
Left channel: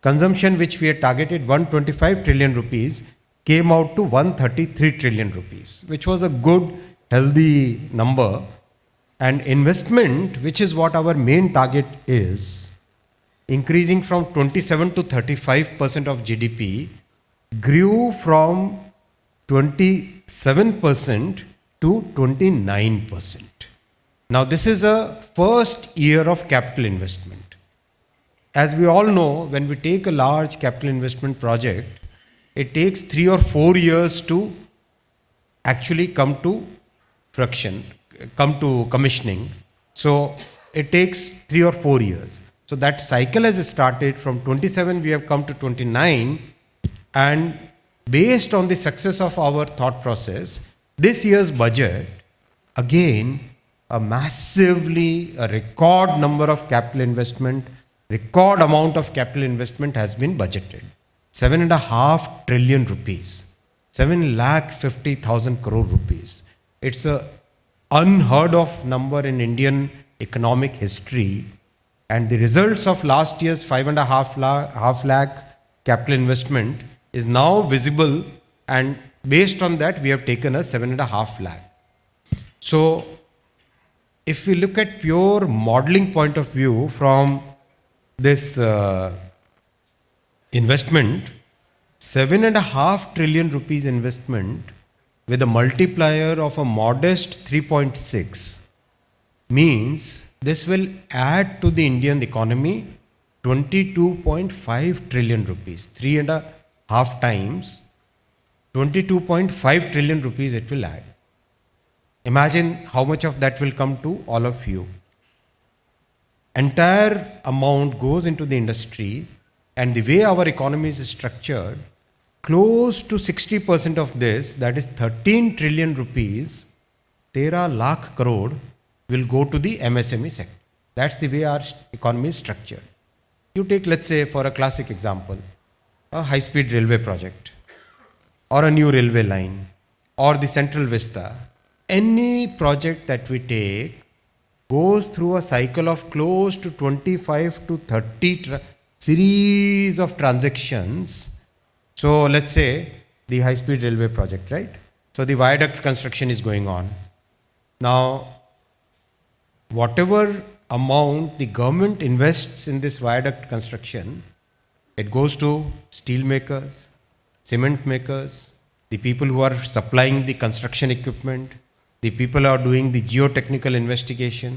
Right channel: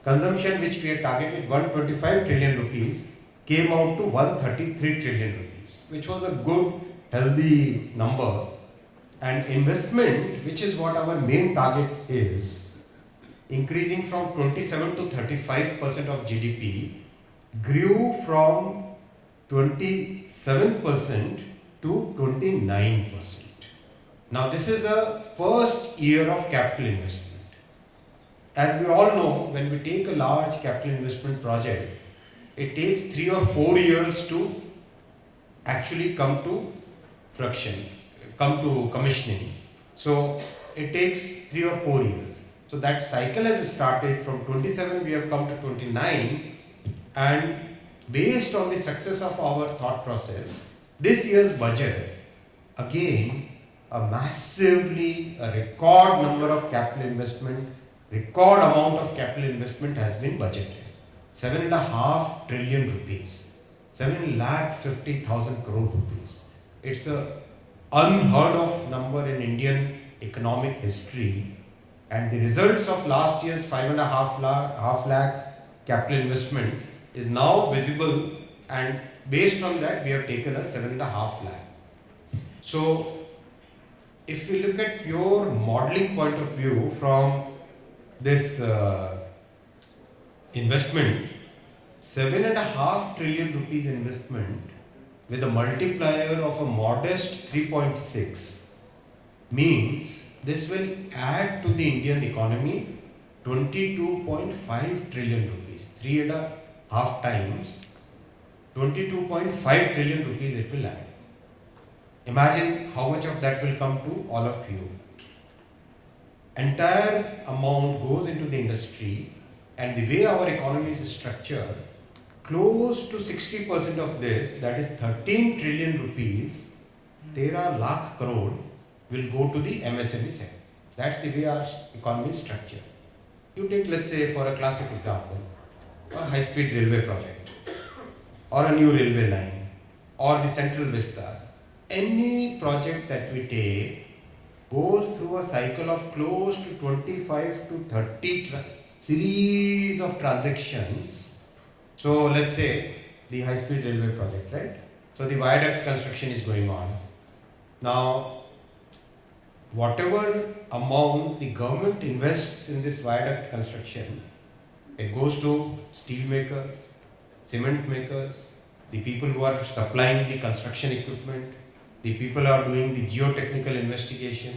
Consumption which we had targeted 125 trillion rupees came out to 133 trillion rupees, which was a good, healthy number. And investment, which is what our main target is, increasing from 27 to 35% of GDP, grew from 27% to 29%. Now this is a first year of capital investment. As we all know, when we take a large capital investment project, it takes 3 or 4 years to actually come to fruition, come to commissioning. So it takes 3 or 4 years. So that cycle has started from 27, we have come to 29, and based on the success of our thought process, this year's budget, again, a record number of capital investment, record amount of capital investment has been budgeted. 7.5 trillion rupees, 7,50,000 crore rupees. It's a unheard of number in Indian economic history, and the results of last year's 5.5 lakh capital investment is now visible, and based on that we have taken a 7.5 lakh. So if we look at pure modeling point of view from this investment, 7.5 trillion rupees investment with a multiplier of a modest 3.6 means this will add to the Indian economy 22.5 trillion rupees, 3.5 times, 22.5 trillion rupees it will add. Imagine how much of that will come to all of you. Entire amount goes into the industry, and the way our economy is structured, close to 60% of this, that is 13 trillion rupees, 13 lakh crore, will go to the MSME sector. That's the way our economy is structured. You take, let's say, for a classic example, a high-speed railway project, or a new railway line, or the Central Vista. Any project that we take goes through a cycle of close to 25 to 30 series of transactions. So let's say the high-speed railway project, right? So the viaduct construction is going on. Now, whatever amount the government invests in this viaduct construction, it goes to steel makers, cement makers, the people who are supplying the construction equipment, the people who are doing the geotechnical investigation,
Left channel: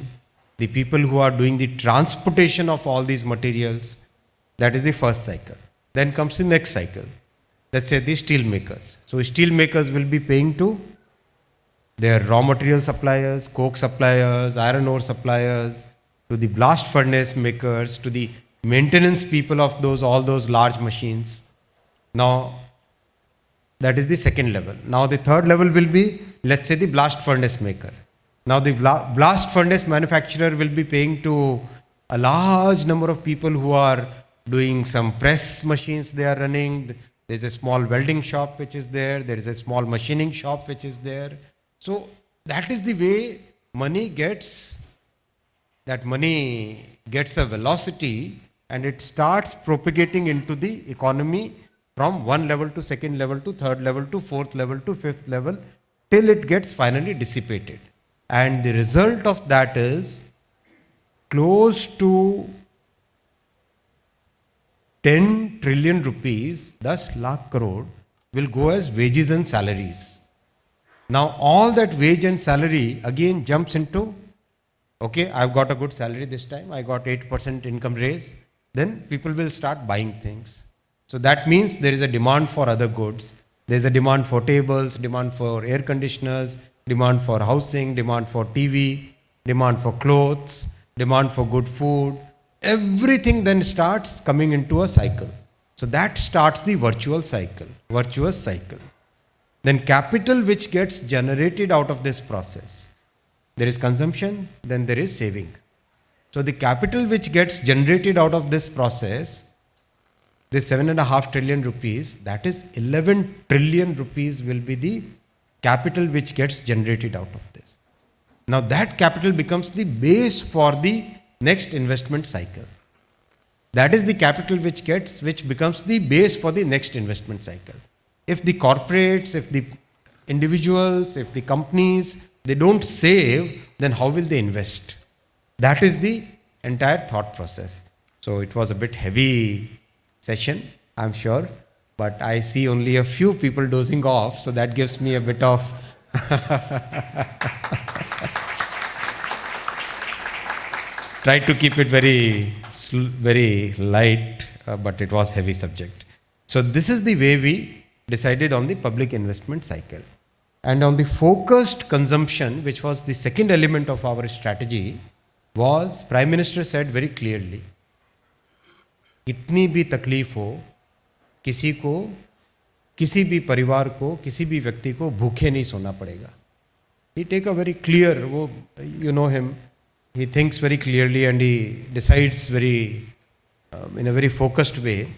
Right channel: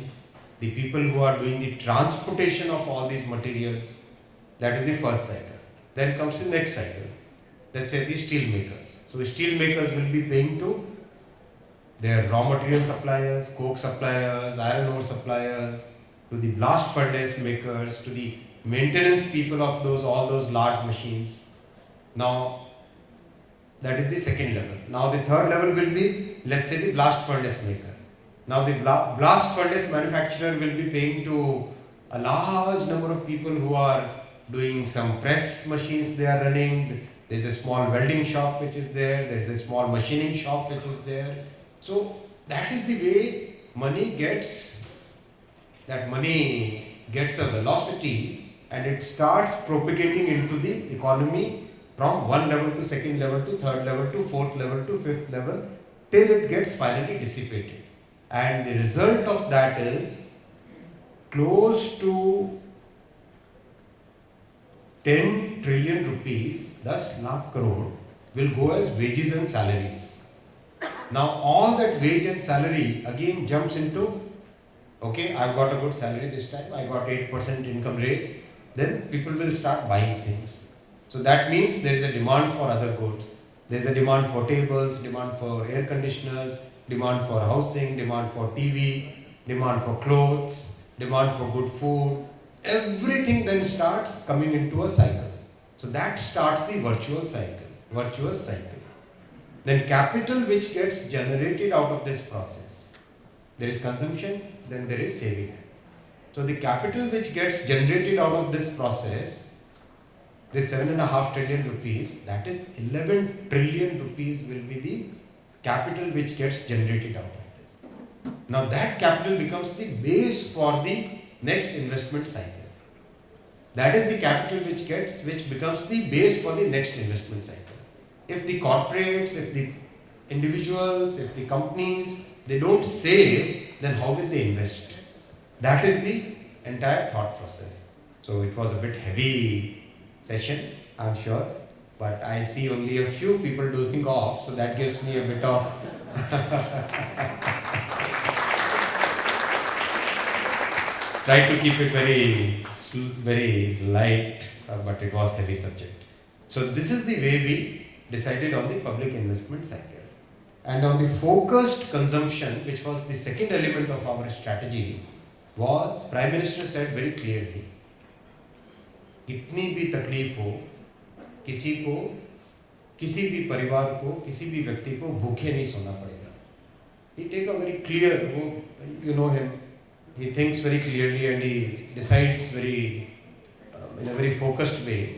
the people who are doing the transportation of all these materials. That is the first cycle. Then comes the next cycle. Let's say the steel makers. So steel makers will be paying to their raw material suppliers, coke suppliers, iron ore suppliers, to the blast furnace makers, to the maintenance people of all those large machines. Now, That is the second level. Now the third level will be, let's say, the blast furnace maker. Now the blast furnace manufacturer will be paying to a large number of people who are doing some press machines they are running. There is a small welding shop which is there. There is a small machining shop which is there. So that is the way money gets a velocity and it starts propagating into the economy from one level to second level to third level to fourth level to fifth level till it gets finally dissipated. And the result of that is close to 10 trillion rupees, 10 lakh crore, will go as wages and salaries. Now all that wage and salary again jumps into, okay, I've got a good salary this time, I got 8% income raise, then people will start buying things. So that means there is a demand for other goods. There is a demand for tables, demand for air conditioners, demand for housing, demand for TV, demand for clothes, demand for good food. Everything then starts coming into a cycle. So that starts the virtuous cycle. Then capital which gets generated out of this process. There is consumption, then there is saving. So the capital which gets generated out of this process, this 7.5 trillion rupees, that is 11 trillion rupees will be the capital which gets generated out of this. Now that capital becomes the base for the next investment cycle. That is the capital which becomes the base for the next investment cycle. If the corporates, if the individuals, if the companies, they don't save, then how will they invest? That is the entire thought process. So it was a bit heavy session, I'm sure, but I see only a few people dozing off, so that gives me a bit of try to keep it very light, but it was heavy subject. So this is the way we decided on the public investment cycle. And on the focused consumption, which was the second element of our strategy, was Prime Minister said very clearly, इतनी भी तकलीफ हो, किसी को, किसी भी परिवार को, किसी भी व्यक्ति को भूखे नहीं सोना पड़ेगा. He take a very clear, you know him, he thinks very clearly and he decides very in a very focused way.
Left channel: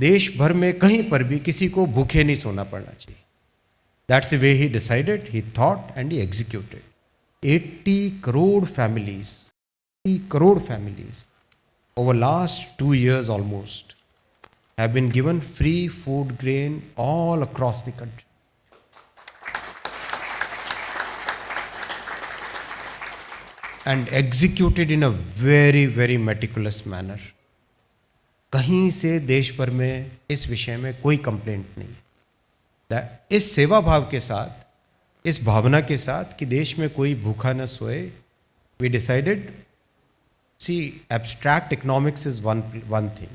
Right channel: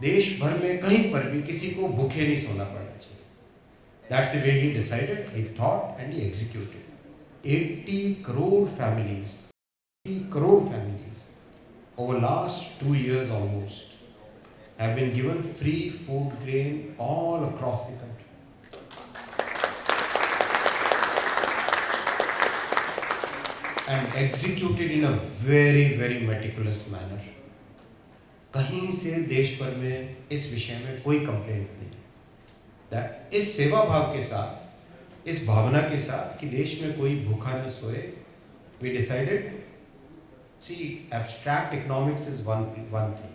देश भर में कहीं पर भी किसी को भूखे नहीं सोना पड़ना चाहिए. That's the way he decided, he thought and he executed. 80 crore families over last 2 years almost have been given free food grain all across the country. And executed in a very, very meticulous manner. कहीं से देश भर में इस विषय में कोई complaint नहीं. इस सेवा भाव के साथ, इस भावना के साथ कि देश में कोई भूखा न सोए, we decided, see, abstract economics is one thing,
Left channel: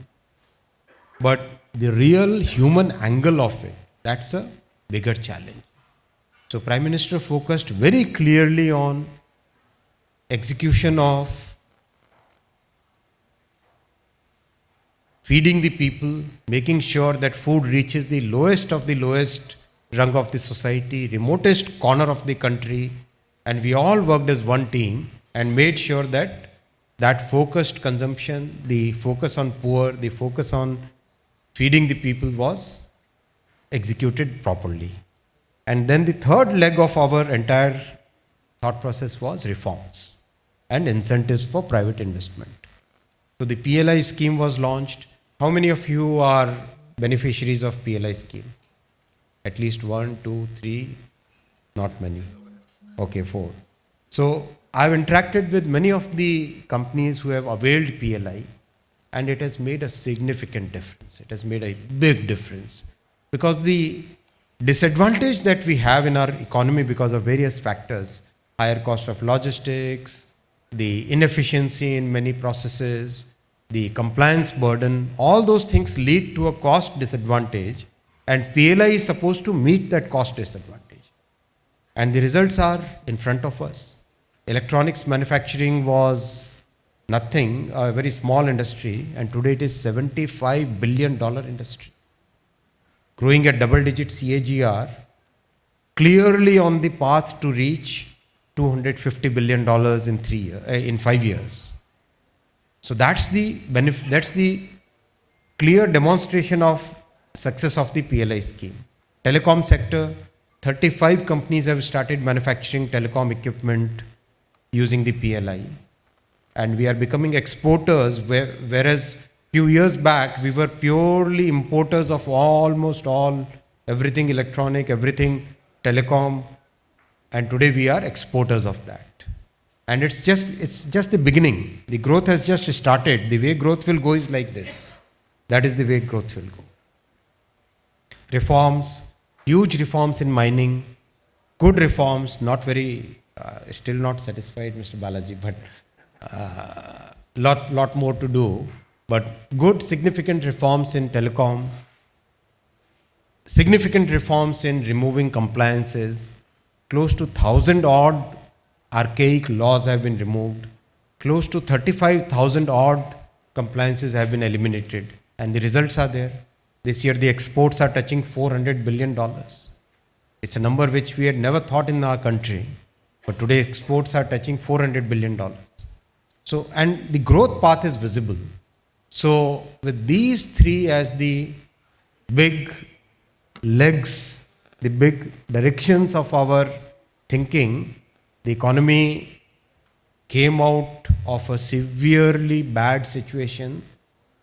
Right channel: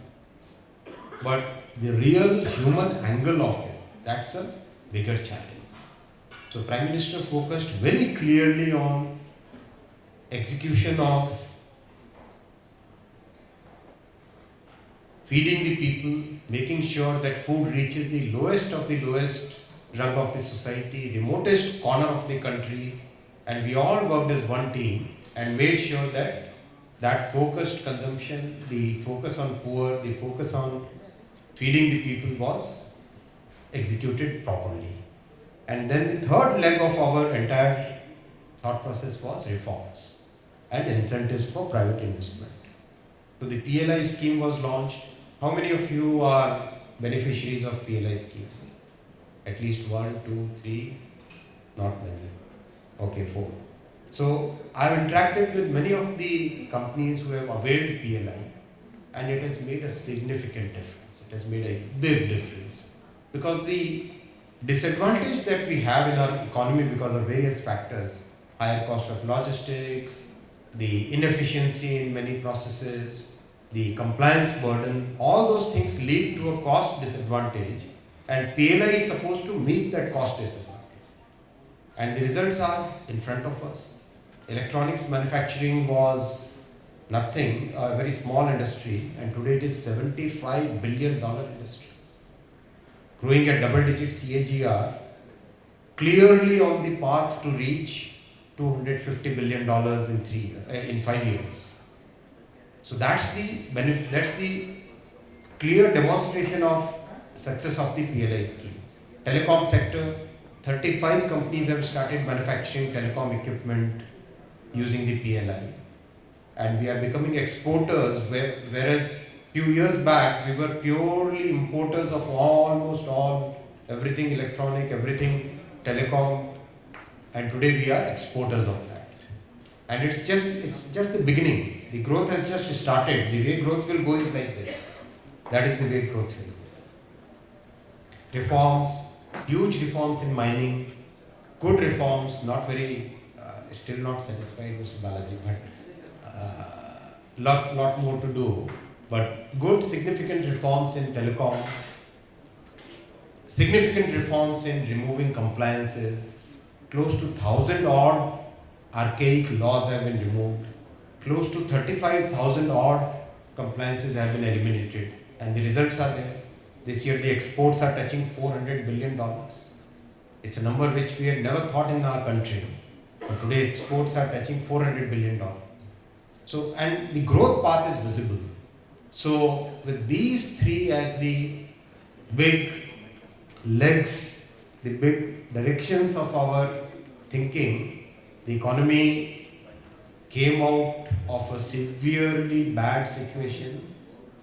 but the real human angle of it, that's a bigger challenge. So Prime Minister focused very clearly on execution of feeding the people, making sure that food reaches the lowest of the lowest rung of the society, remotest corner of the country, and we all worked as one team and made sure that that focused consumption, the focus on poor, the focus on feeding the people was executed properly. And then the third leg of our entire thought process was reforms and incentives for private investment. So the PLI scheme was launched. How many of you are beneficiaries of PLI scheme? At least 1, 2, 3, not many. Okay, 4. So I've interacted with many of the companies who have availed PLI, and it has made a significant difference. It has made a big difference, because the disadvantage that we have in our economy because of various factors, higher cost of logistics, the inefficiency in many processes, the compliance burden, all those things lead to a cost disadvantage, and PLI is supposed to meet that cost disadvantage. And the results are in front of us. Electronics manufacturing was nothing, a very small industry, and today it is $75 billion industry. growing at double-digit CAGR, clearly on the path to reach $250 billion in 5 years. So that's the benefit, that's the clear demonstration of success of the PLI scheme. Telecom sector, 35 companies have started manufacturing telecom equipment using the PLI. And we are becoming exporters, whereas few years back we were purely importers of almost all, everything electronic, everything telecom, and today we are exporters of that. And it's just the beginning. The growth has just started. The way growth will go is like this. That is the way growth will go. Reforms, huge reforms in mining, good reforms, not very, still not satisfied, Mr. Balaji, but lot more to do. But good, significant reforms in telecom, significant reforms in removing compliances, close to 1,000 odd archaic laws have been removed, close to 35,000 odd compliances have been eliminated, and the results are there. This year the exports are touching $400 billion. It's a number which we had never thought in our country, but today exports are touching $400 billion. So, and the growth path is visible. So with these three as the big legs, the big directions of our thinking, the economy came out of a severely bad situation,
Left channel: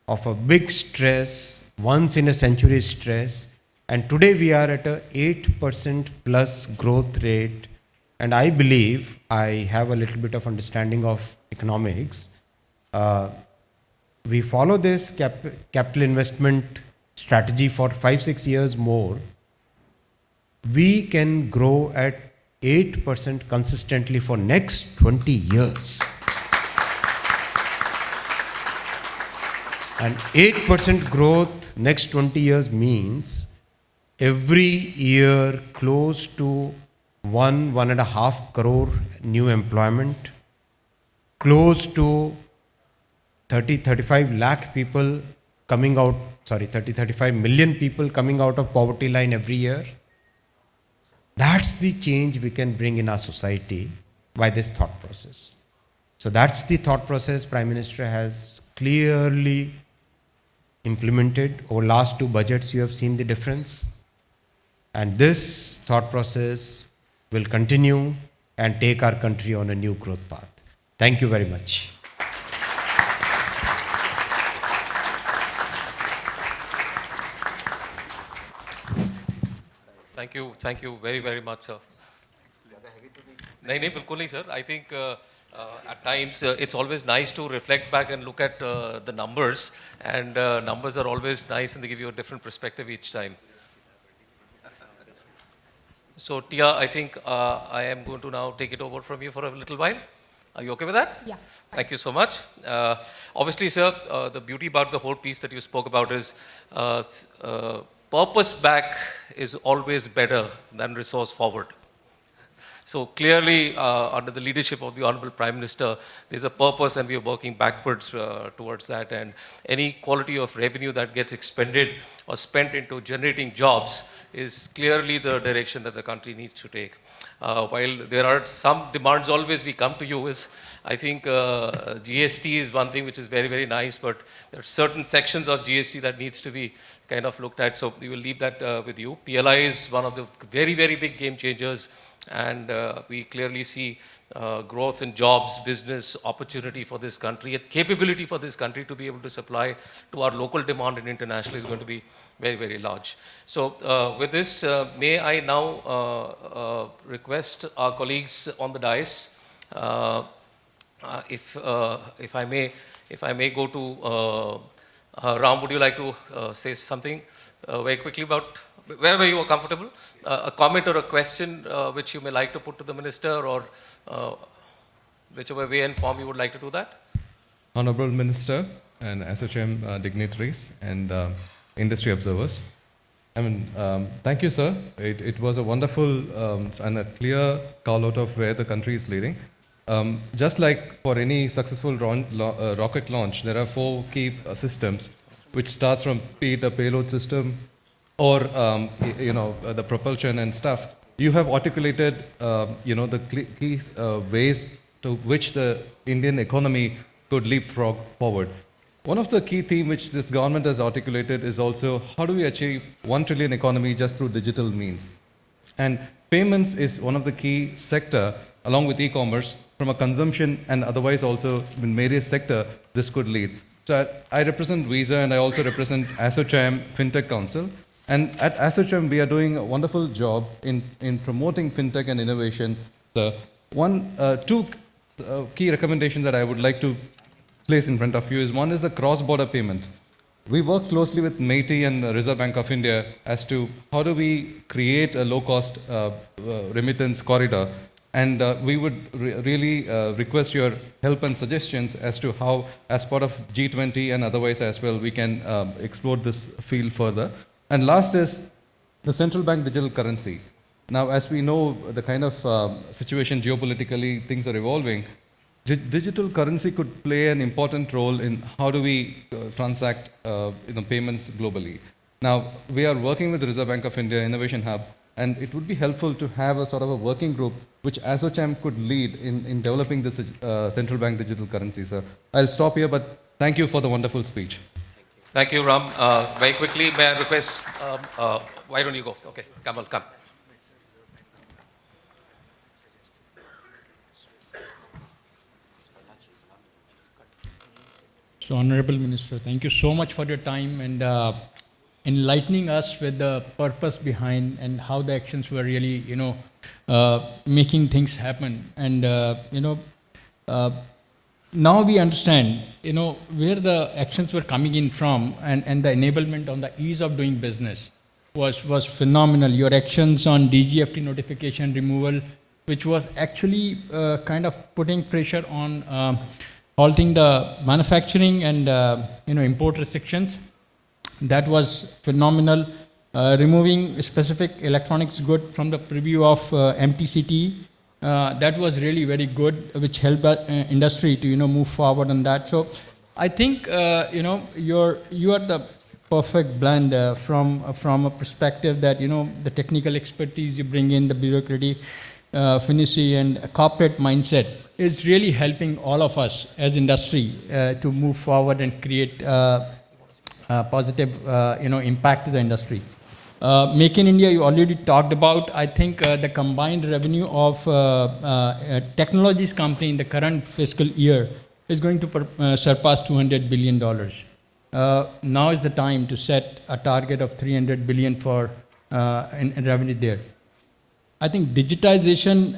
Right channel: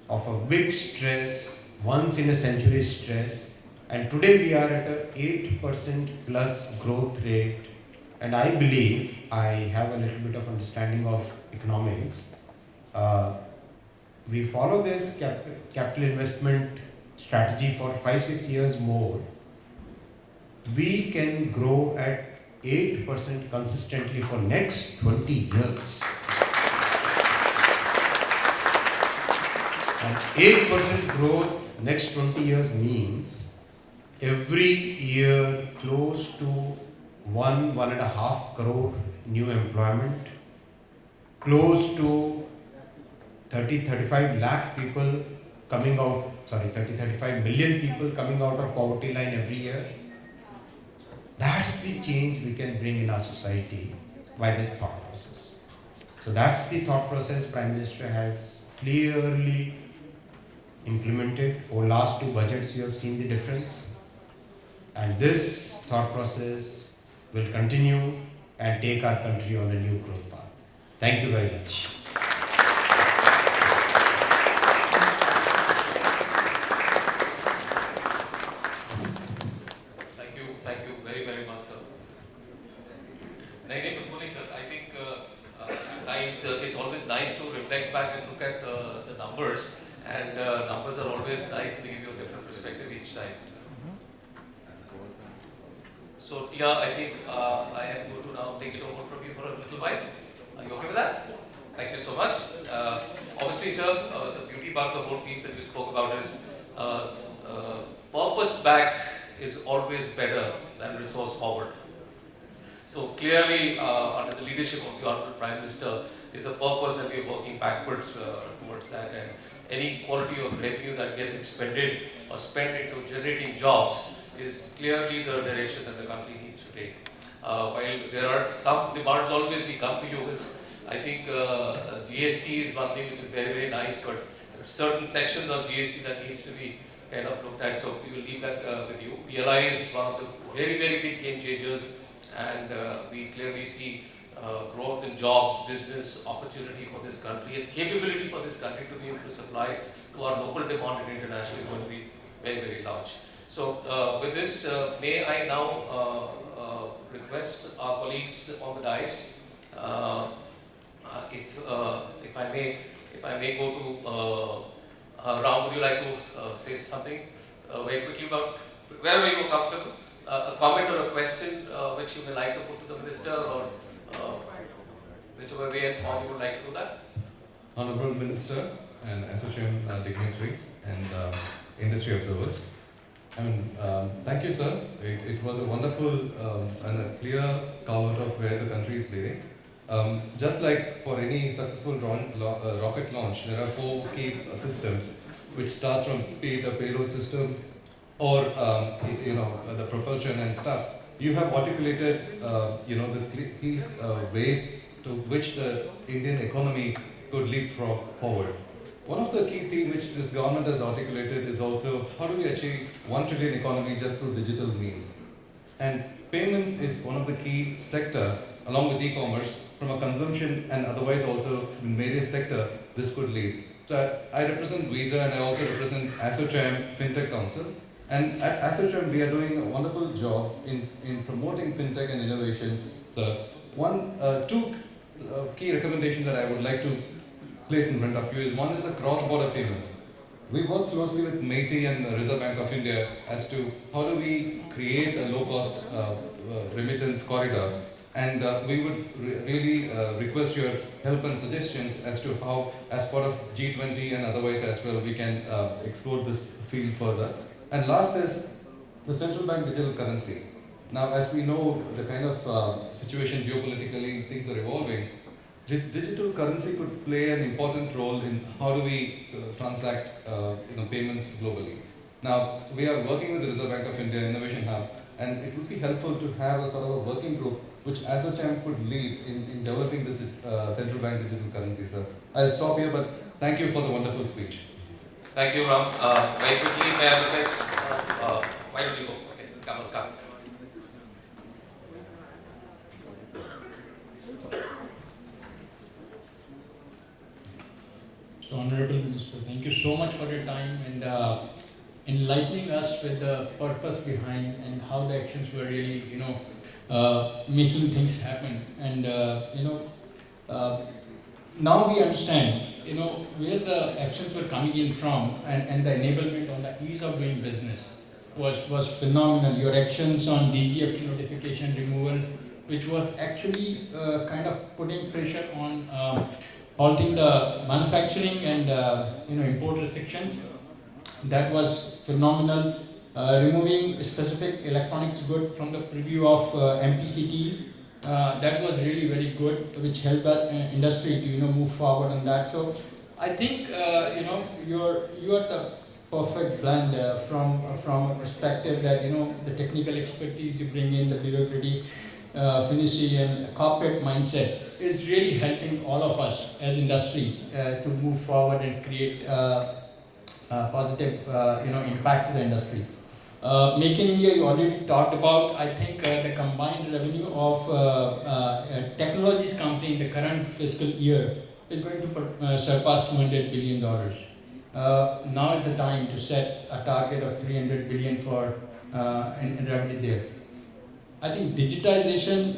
of a big stress, once in a century stress, and today we are at a 8% plus growth rate. And I believe, I have a little bit of understanding of economics. We follow this capital investment strategy for 5-6 years more, we can grow at 8% consistently for next 20 years. And 8% growth next 20 years means every year close to 1.5 crore new employment, close to 30-35 lakh people coming out, 30-35 million people coming out of poverty line every year. That's the change we can bring in our society by this thought process. So that's the thought process Prime Minister has clearly implemented. Over last 2 budgets you have seen the difference. And this thought process will continue and take our country on a new growth path. Thank you very much. Thank you very, very much, sir. नहीं बिल्कुल नहीं, sir. I think at times it's always nice to reflect back and look at the numbers, and numbers are always nice and they give you a different perspective each time. So Tia, I think I am going to now take it over from you for a little while. Are you okay with that? Yeah. Thank you so much. Obviously, sir, the beauty about the whole piece that you spoke about is purpose back is always better than resource forward. So clearly, under the leadership of the Honorable Prime Minister, there's a purpose and we are working backwards towards that, and any quality of revenue that gets expended or spent into generating jobs is clearly the direction that the country needs to take. While there are some demands always we come to you is, I think GST is one thing which is very, very nice, but there are certain sections of GST that needs to be kind of looked at, so we will leave that with you. PLI is one of the very, very big game changers, and we clearly see growth in jobs, business, opportunity for this country, and capability for this country to be able to supply to our local demand and internationally is going to be very, very large. So with this, may I now request our colleagues on the dais, if I may go to Ram, would you like to say something very quickly about wherever you are comfortable, a comment or a question which you may like to put to the Minister, or whichever way and form you would like to do that? Honorable Minister and ASSOCHAM dignitaries and industry observers. Thank you, sir. It was a wonderful and a clear call out of where the country is leading. Just like for any successful rocket launch, there are 4 key systems, which starts from be it a payload system, or the propulsion and stuff, you have articulated the key ways to which the Indian economy could leapfrog forward. One of the key themes which this government has articulated is also how do we achieve 1 trillion economy just through digital means. And payments is one of the key sector along with e-commerce from a consumption and otherwise also in various sector this could lead. So I represent Visa and I also represent ASSOCHAM FinTech Council. And at ASSOCHAM we are doing a wonderful job in promoting FinTech and innovation. Two key recommendations that I would like to place in front of you is one is the cross-border payment. We work closely with MeitY and the Reserve Bank of India as to how do we create a low-cost remittance corridor. And we would really request your help and suggestions as to how, as part of G20 and otherwise as well, we can explore this field further. And last is the central bank digital currency. Now, as we know, the kind of situation geopolitically, things are evolving. Digital currency could play an important role in how do we transact payments globally. Now, we are working with the Reserve Bank of India Innovation Hub, and it would be helpful to have a sort of a working group which ASSOCHAM could lead in developing this central bank digital currency, sir. I'll stop here, but thank you for the wonderful speech. Thank you, Ram. Very quickly, may I request, why don't you go? Okay, Kamal, come. So, Honorable Minister, thank you so much for your time and enlightening us with the purpose behind and how the actions were really, making things happen. And, now we understand, where the actions were coming in from and the enablement on the ease of doing business was phenomenal. Your actions on DGFT notification removal, which was actually kind of putting pressure on halting the manufacturing and import restrictions. That was phenomenal. Removing specific electronics good from the preview of MTCT, that was really very good, which helped industry to move forward on that. So I think you are the perfect blend from a perspective that the technical expertise you bring in, the bureaucracy, finesse and corporate mindset is really helping all of us as industry to move forward and create positive impact to the industry. Make in India, you already talked about. I think the combined revenue of technologies company in the current fiscal year is going to surpass $200 billion. Now is the time to set a target of $300 billion for in revenue there. I think digitization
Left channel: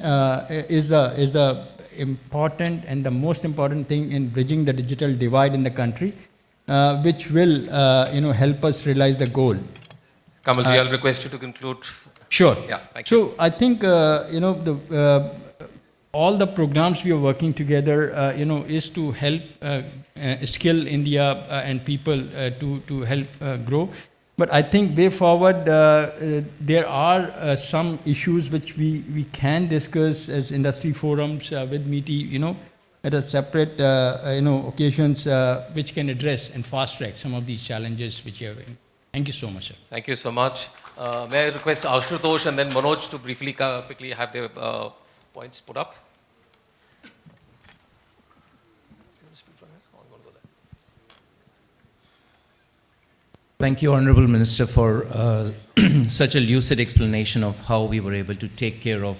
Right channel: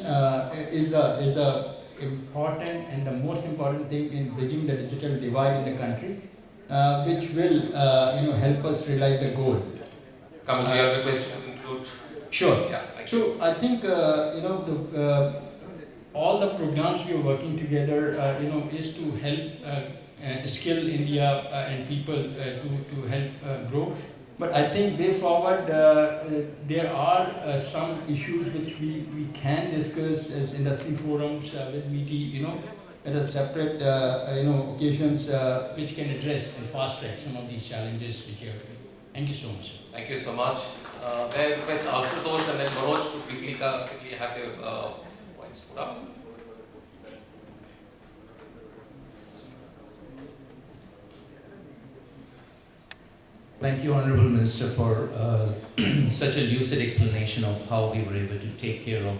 is the important and the most important thing in bridging the digital divide in the country, which will help us realize the goal. Kamal, I'll request you to conclude. Sure. Yeah. So I think all the programs we are working together, is to help skill India and people to help grow. But I think way forward, there are some issues which we can discuss as industry forums with MeitY, at a separate occasions which can address and fast track some of these challenges which you have. Thank you so much, sir. Thank you so much. May I request Ashutosh and then Manoj to quickly have their points put up? Thank you, Honorable Minister, for such a lucid explanation of how we were able to take care of,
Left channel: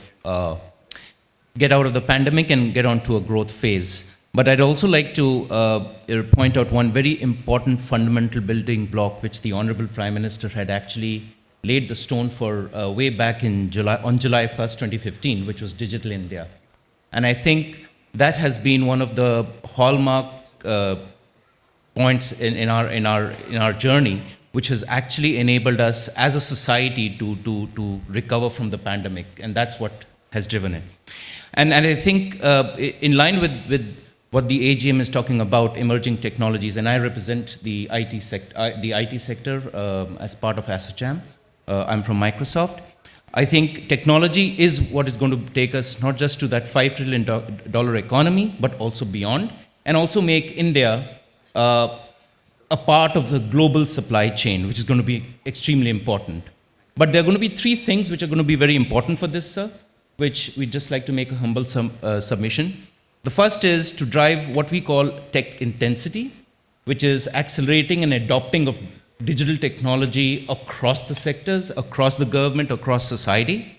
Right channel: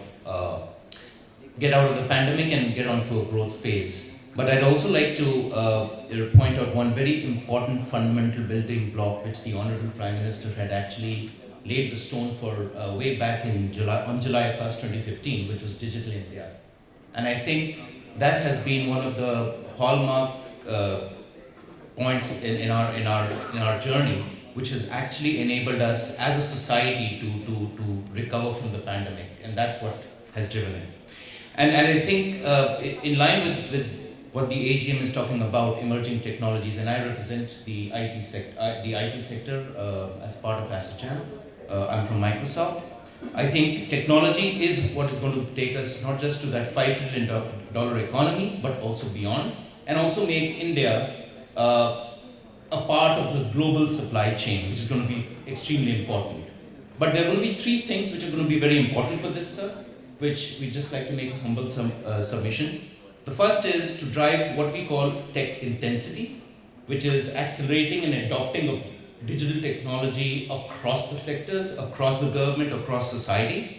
get out of the pandemic and get on to a growth phase. But I'd also like to point out one very important fundamental building block which the Honorable Prime Minister had actually laid the stone for way back in on July 1st, 2015, which was Digital India. And I think that has been one of the hallmark points in our journey, which has actually enabled us as a society to recover from the pandemic, and that's what has driven it. And I think in line with what the AGM is talking about, emerging technologies, and I represent the IT sector as part of ASSOCHAM. I'm from Microsoft. I think technology is what is going to take us not just to that $5 trillion economy, but also beyond, and also make India a part of the global supply chain, which is going to be extremely important. But there are going to be three things which are going to be very important for this, sir, which we'd just like to make a humble submission. The first is to drive what we call tech intensity, which is accelerating and adopting of digital technology across the sectors, across the government, across society,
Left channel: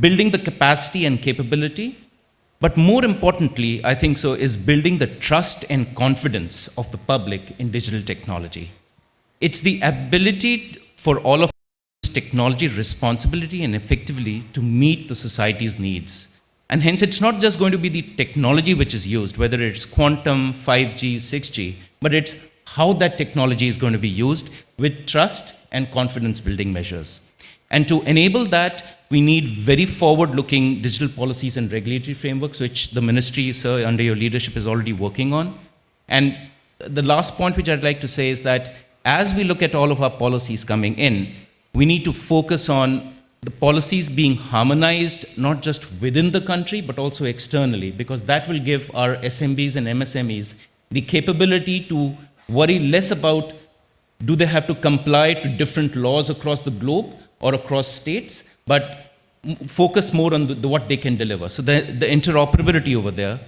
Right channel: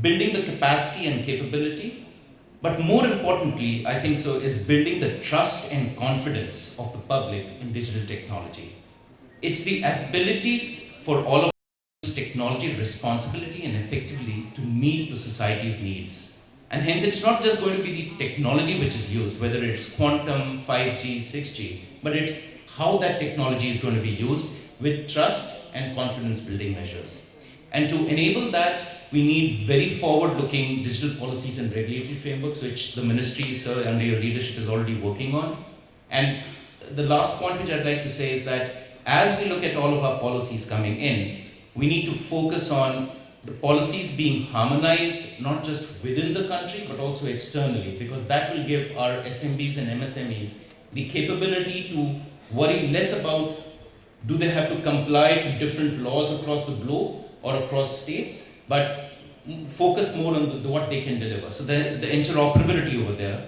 building the capacity and capability. But more importantly, I think so, is building the trust and confidence of the public in digital technology. It's the ability for all of us technology responsibility and effectively to meet the society's needs. And hence, it's not just going to be the technology which is used, whether it's quantum, 5G, 6G, but it's how that technology is going to be used with trust and confidence building measures. And to enable that, we need very forward-looking digital policies and regulatory frameworks, which the ministry, sir, under your leadership is already working on. And the last point which I'd like to say is that as we look at all of our policies coming in, we need to focus on the policies being harmonized, not just within the country, but also externally, because that will give our SMBs and MSMEs the capability to worry less about do they have to comply to different laws across the globe or across states, but focus more on what they can deliver. So the interoperability over there.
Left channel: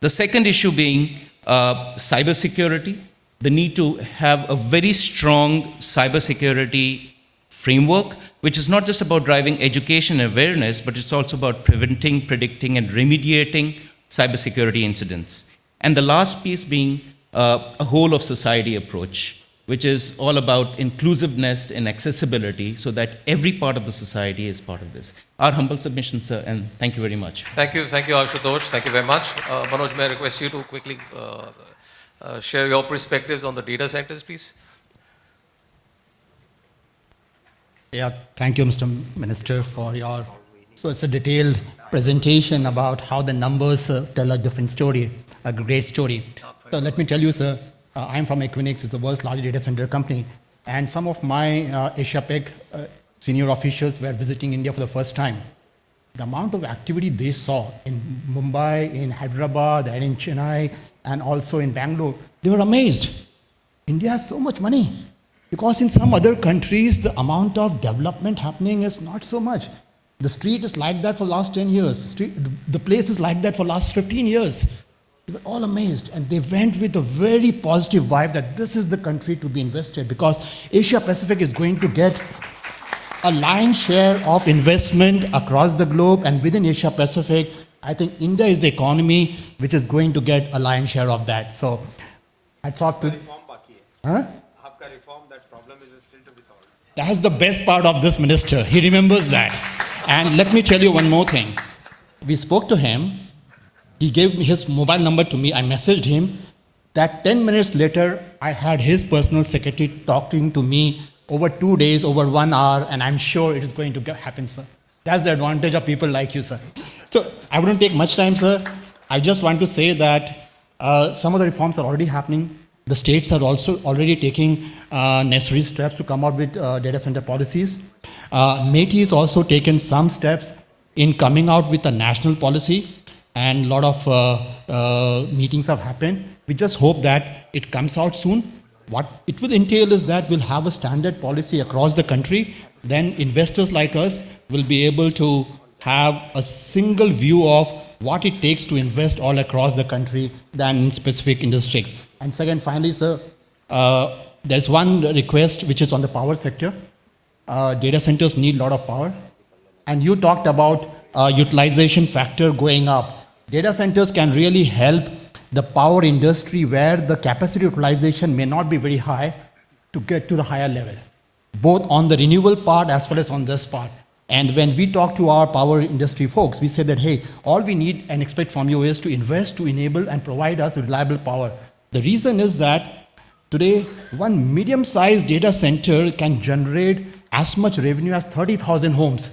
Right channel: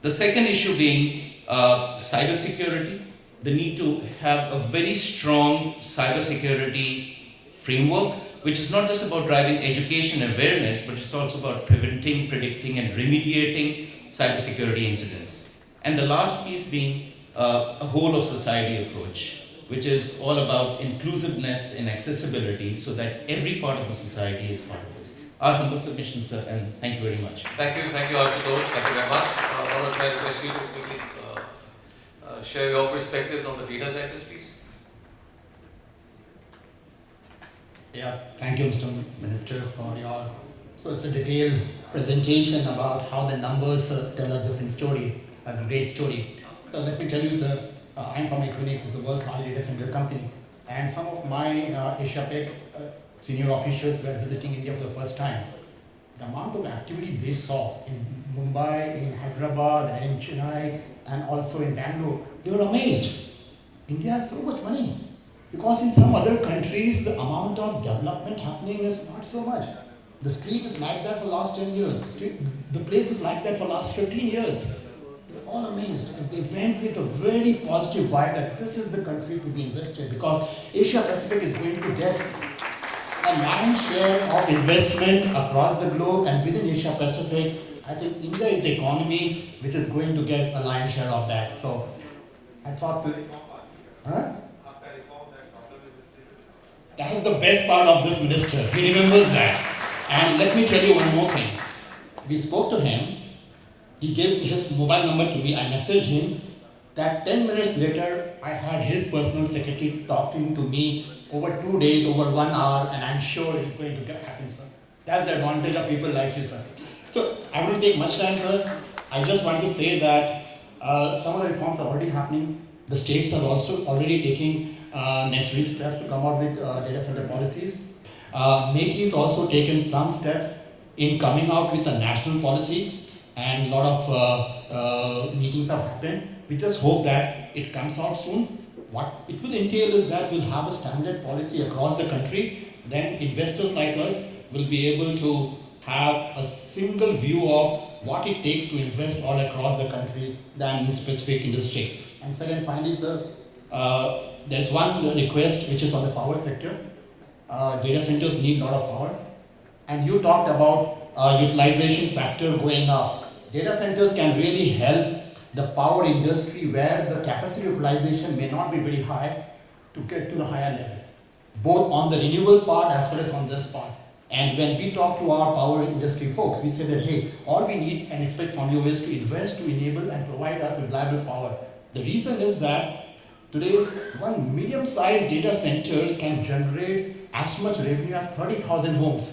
The second issue being cybersecurity, the need to have a very strong cybersecurity framework, which is not just about driving education and awareness, but it's also about preventing, predicting, and remediating cybersecurity incidents. And the last piece being a whole of society approach, which is all about inclusiveness and accessibility so that every part of the society is part of this. Our humble submission, sir, and thank you very much. Thank you, Ashutosh. Thank you very much. Manoj, may I request you to quickly share your perspectives on the data centers, please? Yeah, thank you, Mr. Minister, for your it's a detailed presentation about how the numbers tell a different story, a great story. So let me tell you, sir, I'm from Equinix, it's the world's largest data center company, and some of my Asia-Pac senior officials were visiting India for the first time. The amount of activity they saw in Mumbai, in Hyderabad, and in Chennai, and also in Bangalore, they were amazed. India has so much money. Because in some other countries, the amount of development happening is not so much. The street is like that for the last 10 years. The place is like that for the last 15 years. They were all amazed, and they went with a very positive vibe that this is the country to be invested, because Asia Pacific is going to get a lion's share of investment across the globe, and within Asia Pacific, I think India is the economy which is going to get a lion's share of that. So I thought to... Huh? That's the best part of this minister. He remembers that. And let me tell you one more thing. We spoke to him. He gave his mobile number to me. I messaged him. That 10 minutes later, I had his personal secretary talking to me over 2 days, over 1 hour, and I'm sure it is going to happen, sir. That's the advantage of people like you, sir. So I wouldn't take much time, sir. I just want to say that some of the reforms are already happening. The states are also already taking necessary steps to come up with data center policies. MeitY has also taken some steps in coming out with a national policy, and a lot of meetings have happened. We just hope that it comes out soon. What it will entail is that we'll have a standard policy across the country. Then investors like us will be able to have a single view of what it takes to invest all across the country than in specific industries. And second, finally, sir, there's one request which is on the power sector. Data centers need a lot of power. And you talked about utilization factor going up. Data centers can really help the power industry where the capacity utilization may not be very high to get to the higher level, both on the renewable part as well as on this part. And when we talk to our power industry folks, we say that, hey, all we need and expect from you is to invest to enable and provide us reliable power. The reason is that today, one medium-sized data center can generate as much revenue as 30,000 homes.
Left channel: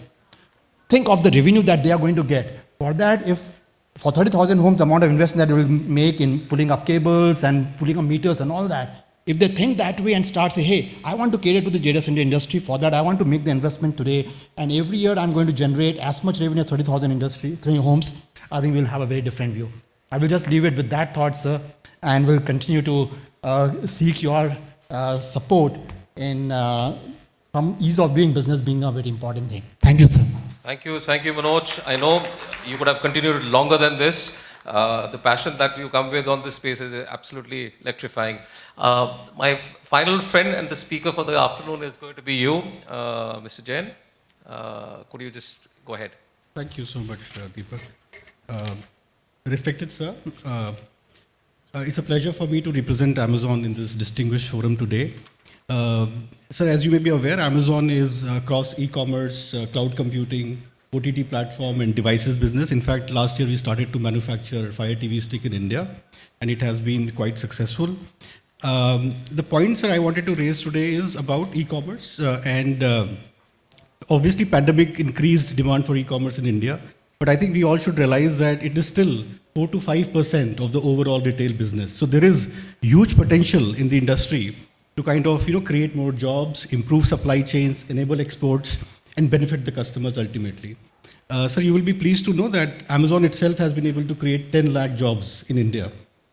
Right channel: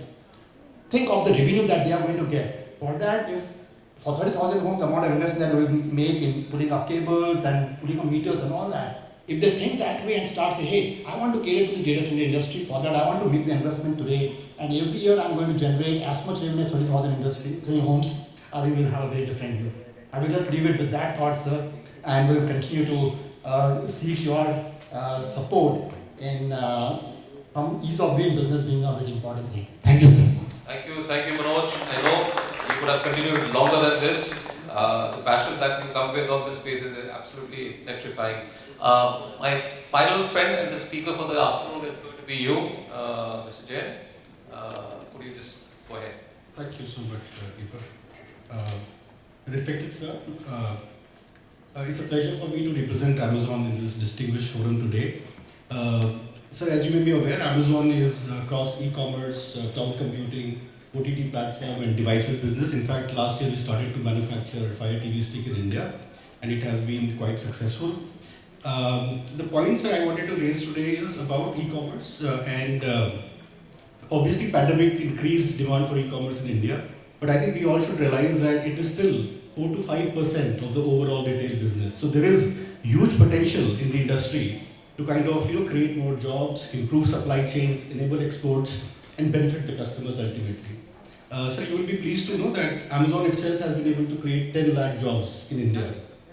Think of the revenue that they are going to get. For that, if for 30,000 homes, the amount of investment that they will make in putting up cables and putting up meters and all that, if they think that way and start saying, hey, I want to cater to the data center industry, for that I want to make the investment today, and every year I'm going to generate as much revenue as 30,000 homes, I think we'll have a very different view. I will just leave it with that thought, sir, and we'll continue to seek your support in from ease of doing business being a very important thing. Thank you, sir. Thank you, Manoj. I know you could have continued longer than this. The passion that you come with on this space is absolutely electrifying. My final friend and the speaker for the afternoon is going to be you, Mr. Jain. Could you just go ahead? Thank you so much, Deepak. Respected sir, it's a pleasure for me to represent Amazon in this distinguished forum today. Sir, as you may be aware, Amazon is across e-commerce, cloud computing, OTT platform and devices business. In fact, last year we started to manufacture Fire TV stick in India and it has been quite successful. The points that I wanted to raise today is about e-commerce and obviously pandemic increased demand for e-commerce in India, but I think we all should realize that it is still 4 to 5% of the overall retail business. So there is huge potential in the industry to kind of create more jobs, improve supply chains, enable exports, and benefit the customers ultimately. So you will be pleased to know that Amazon itself has been able to create 10 lakh jobs in India,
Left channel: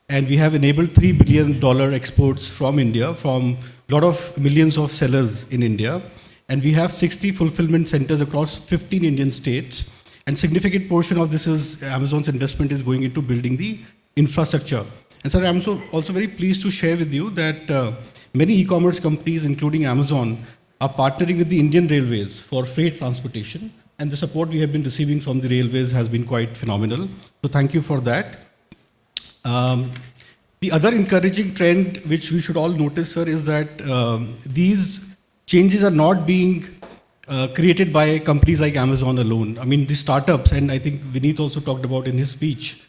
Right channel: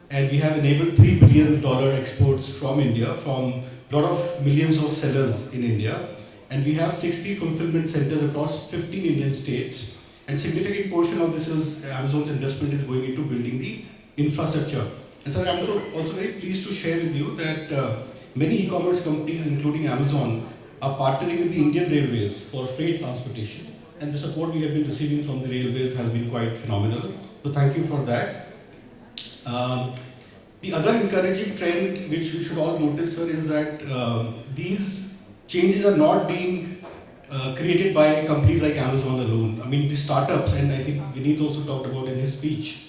and we have enabled $3 billion exports from India from a lot of millions of sellers in India, and we have 60 fulfillment centers across 15 Indian states. And significant portion of this is Amazon's investment is going into building the infrastructure. And sir, I'm also very pleased to share with you that many e-commerce companies, including Amazon, are partnering with the Indian Railways for freight transportation. And the support we have been receiving from the railways has been quite phenomenal. So thank you for that. The other encouraging trend which we should all notice, sir, is that these changes are not being created by companies like Amazon alone. I mean, the startups, and I think Vineet also talked about in his speech,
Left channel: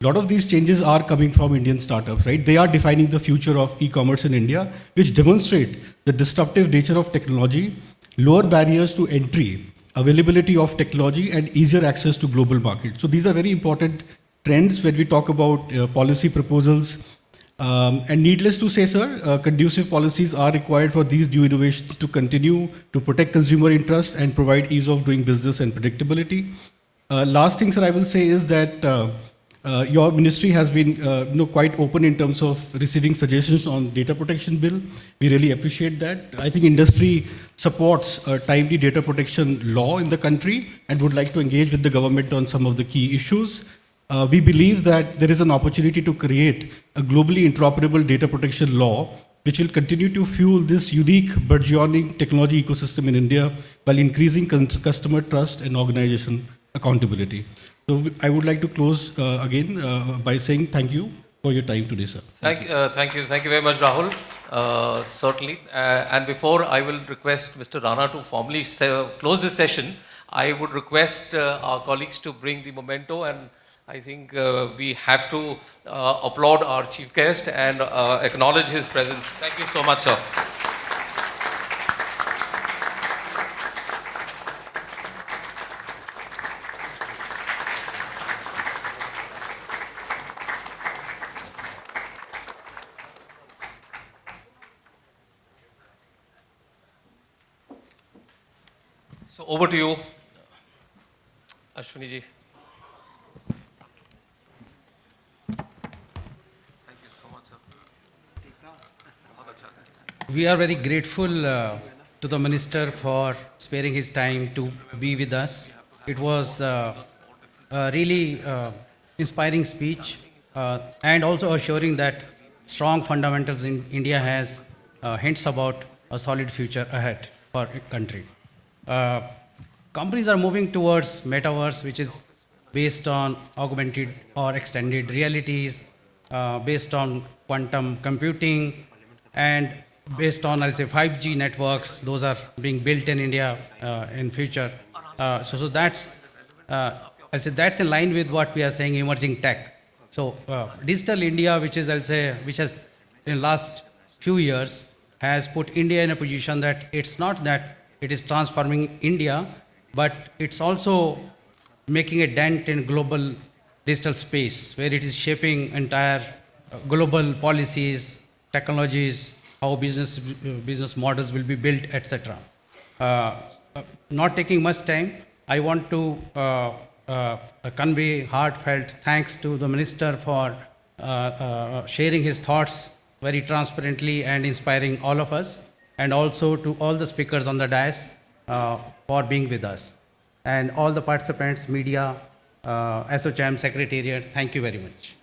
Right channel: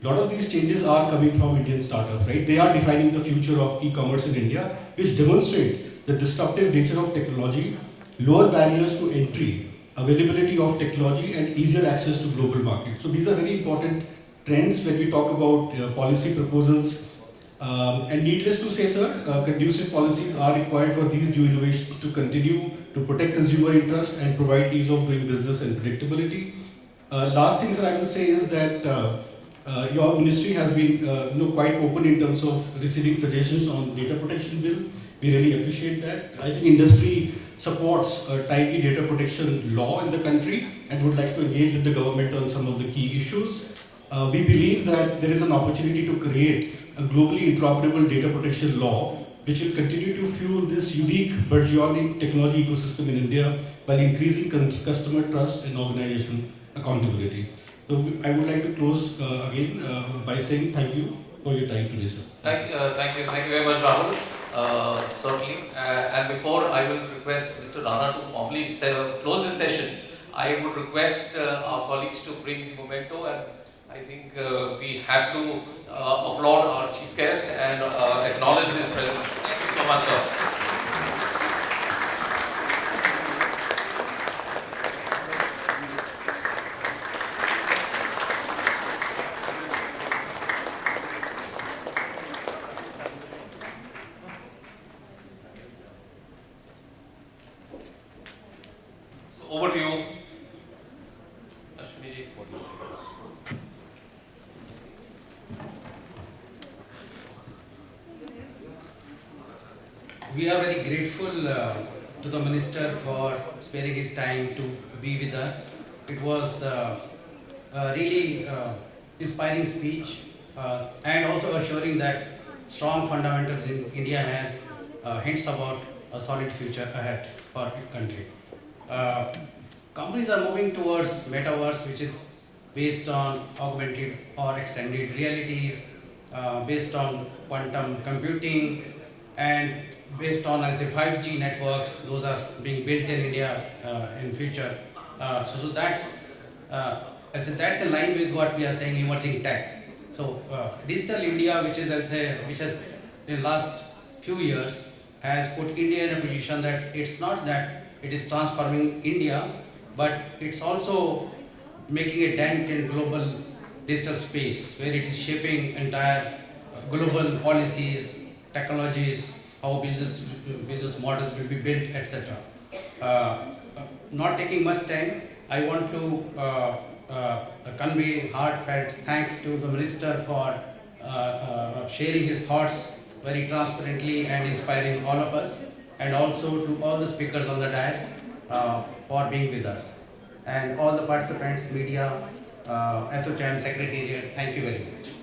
a lot of these changes are coming from Indian startups, right? They are defining the future of e-commerce in India, which demonstrate the disruptive nature of technology, lower barriers to entry, availability of technology, and easier access to global markets. So these are very important trends when we talk about policy proposals. And needless to say, sir, conducive policies are required for these new innovations to continue to protect consumer interest and provide ease of doing business and predictability. Last thing, sir, I will say is that your ministry has been quite open in terms of receiving suggestions on data protection bill. We really appreciate that. I think industry supports a timely data protection law in the country and would like to engage with the government on some of the key issues. We believe that there is an opportunity to create a globally interoperable data protection law which will continue to fuel this unique burgeoning technology ecosystem in India while increasing customer trust and organization accountability. So I would like to close again by saying thank you for your time today, sir. Thank you very much, Rahul. Certainly. And before I will request Mr. Rana to formally close this session, I would request our colleagues to bring the memento, and I think we have to applaud our chief guest and acknowledge his presence. Thank you so much, sir. So over to you, Ashwini ji. We are very grateful to the Minister for sparing his time to be with us. It was a really inspiring speech and also assuring that strong fundamentals in India has hints about a solid future ahead for the country. Companies are moving towards metaverse, which is based on augmented or extended realities, based on quantum computing, and based on, I'll say, 5G networks. Those are being built in India in future. So that's, I'll say, that's in line with what we are saying, emerging tech. So digital India, which is, I'll say, which has in last few years has put India in a position that it's not that it is transforming India, but it's also making a dent in global digital space, where it is shaping entire global policies, technologies, how business models will be built, etc. Not taking much time, I want to convey heartfelt thanks to the Minister for sharing his thoughts very transparently and inspiring all of us, and also to all the speakers on the dais for being with us. And all the participants, media, ASSOCHAM Secretariat, thank you very much.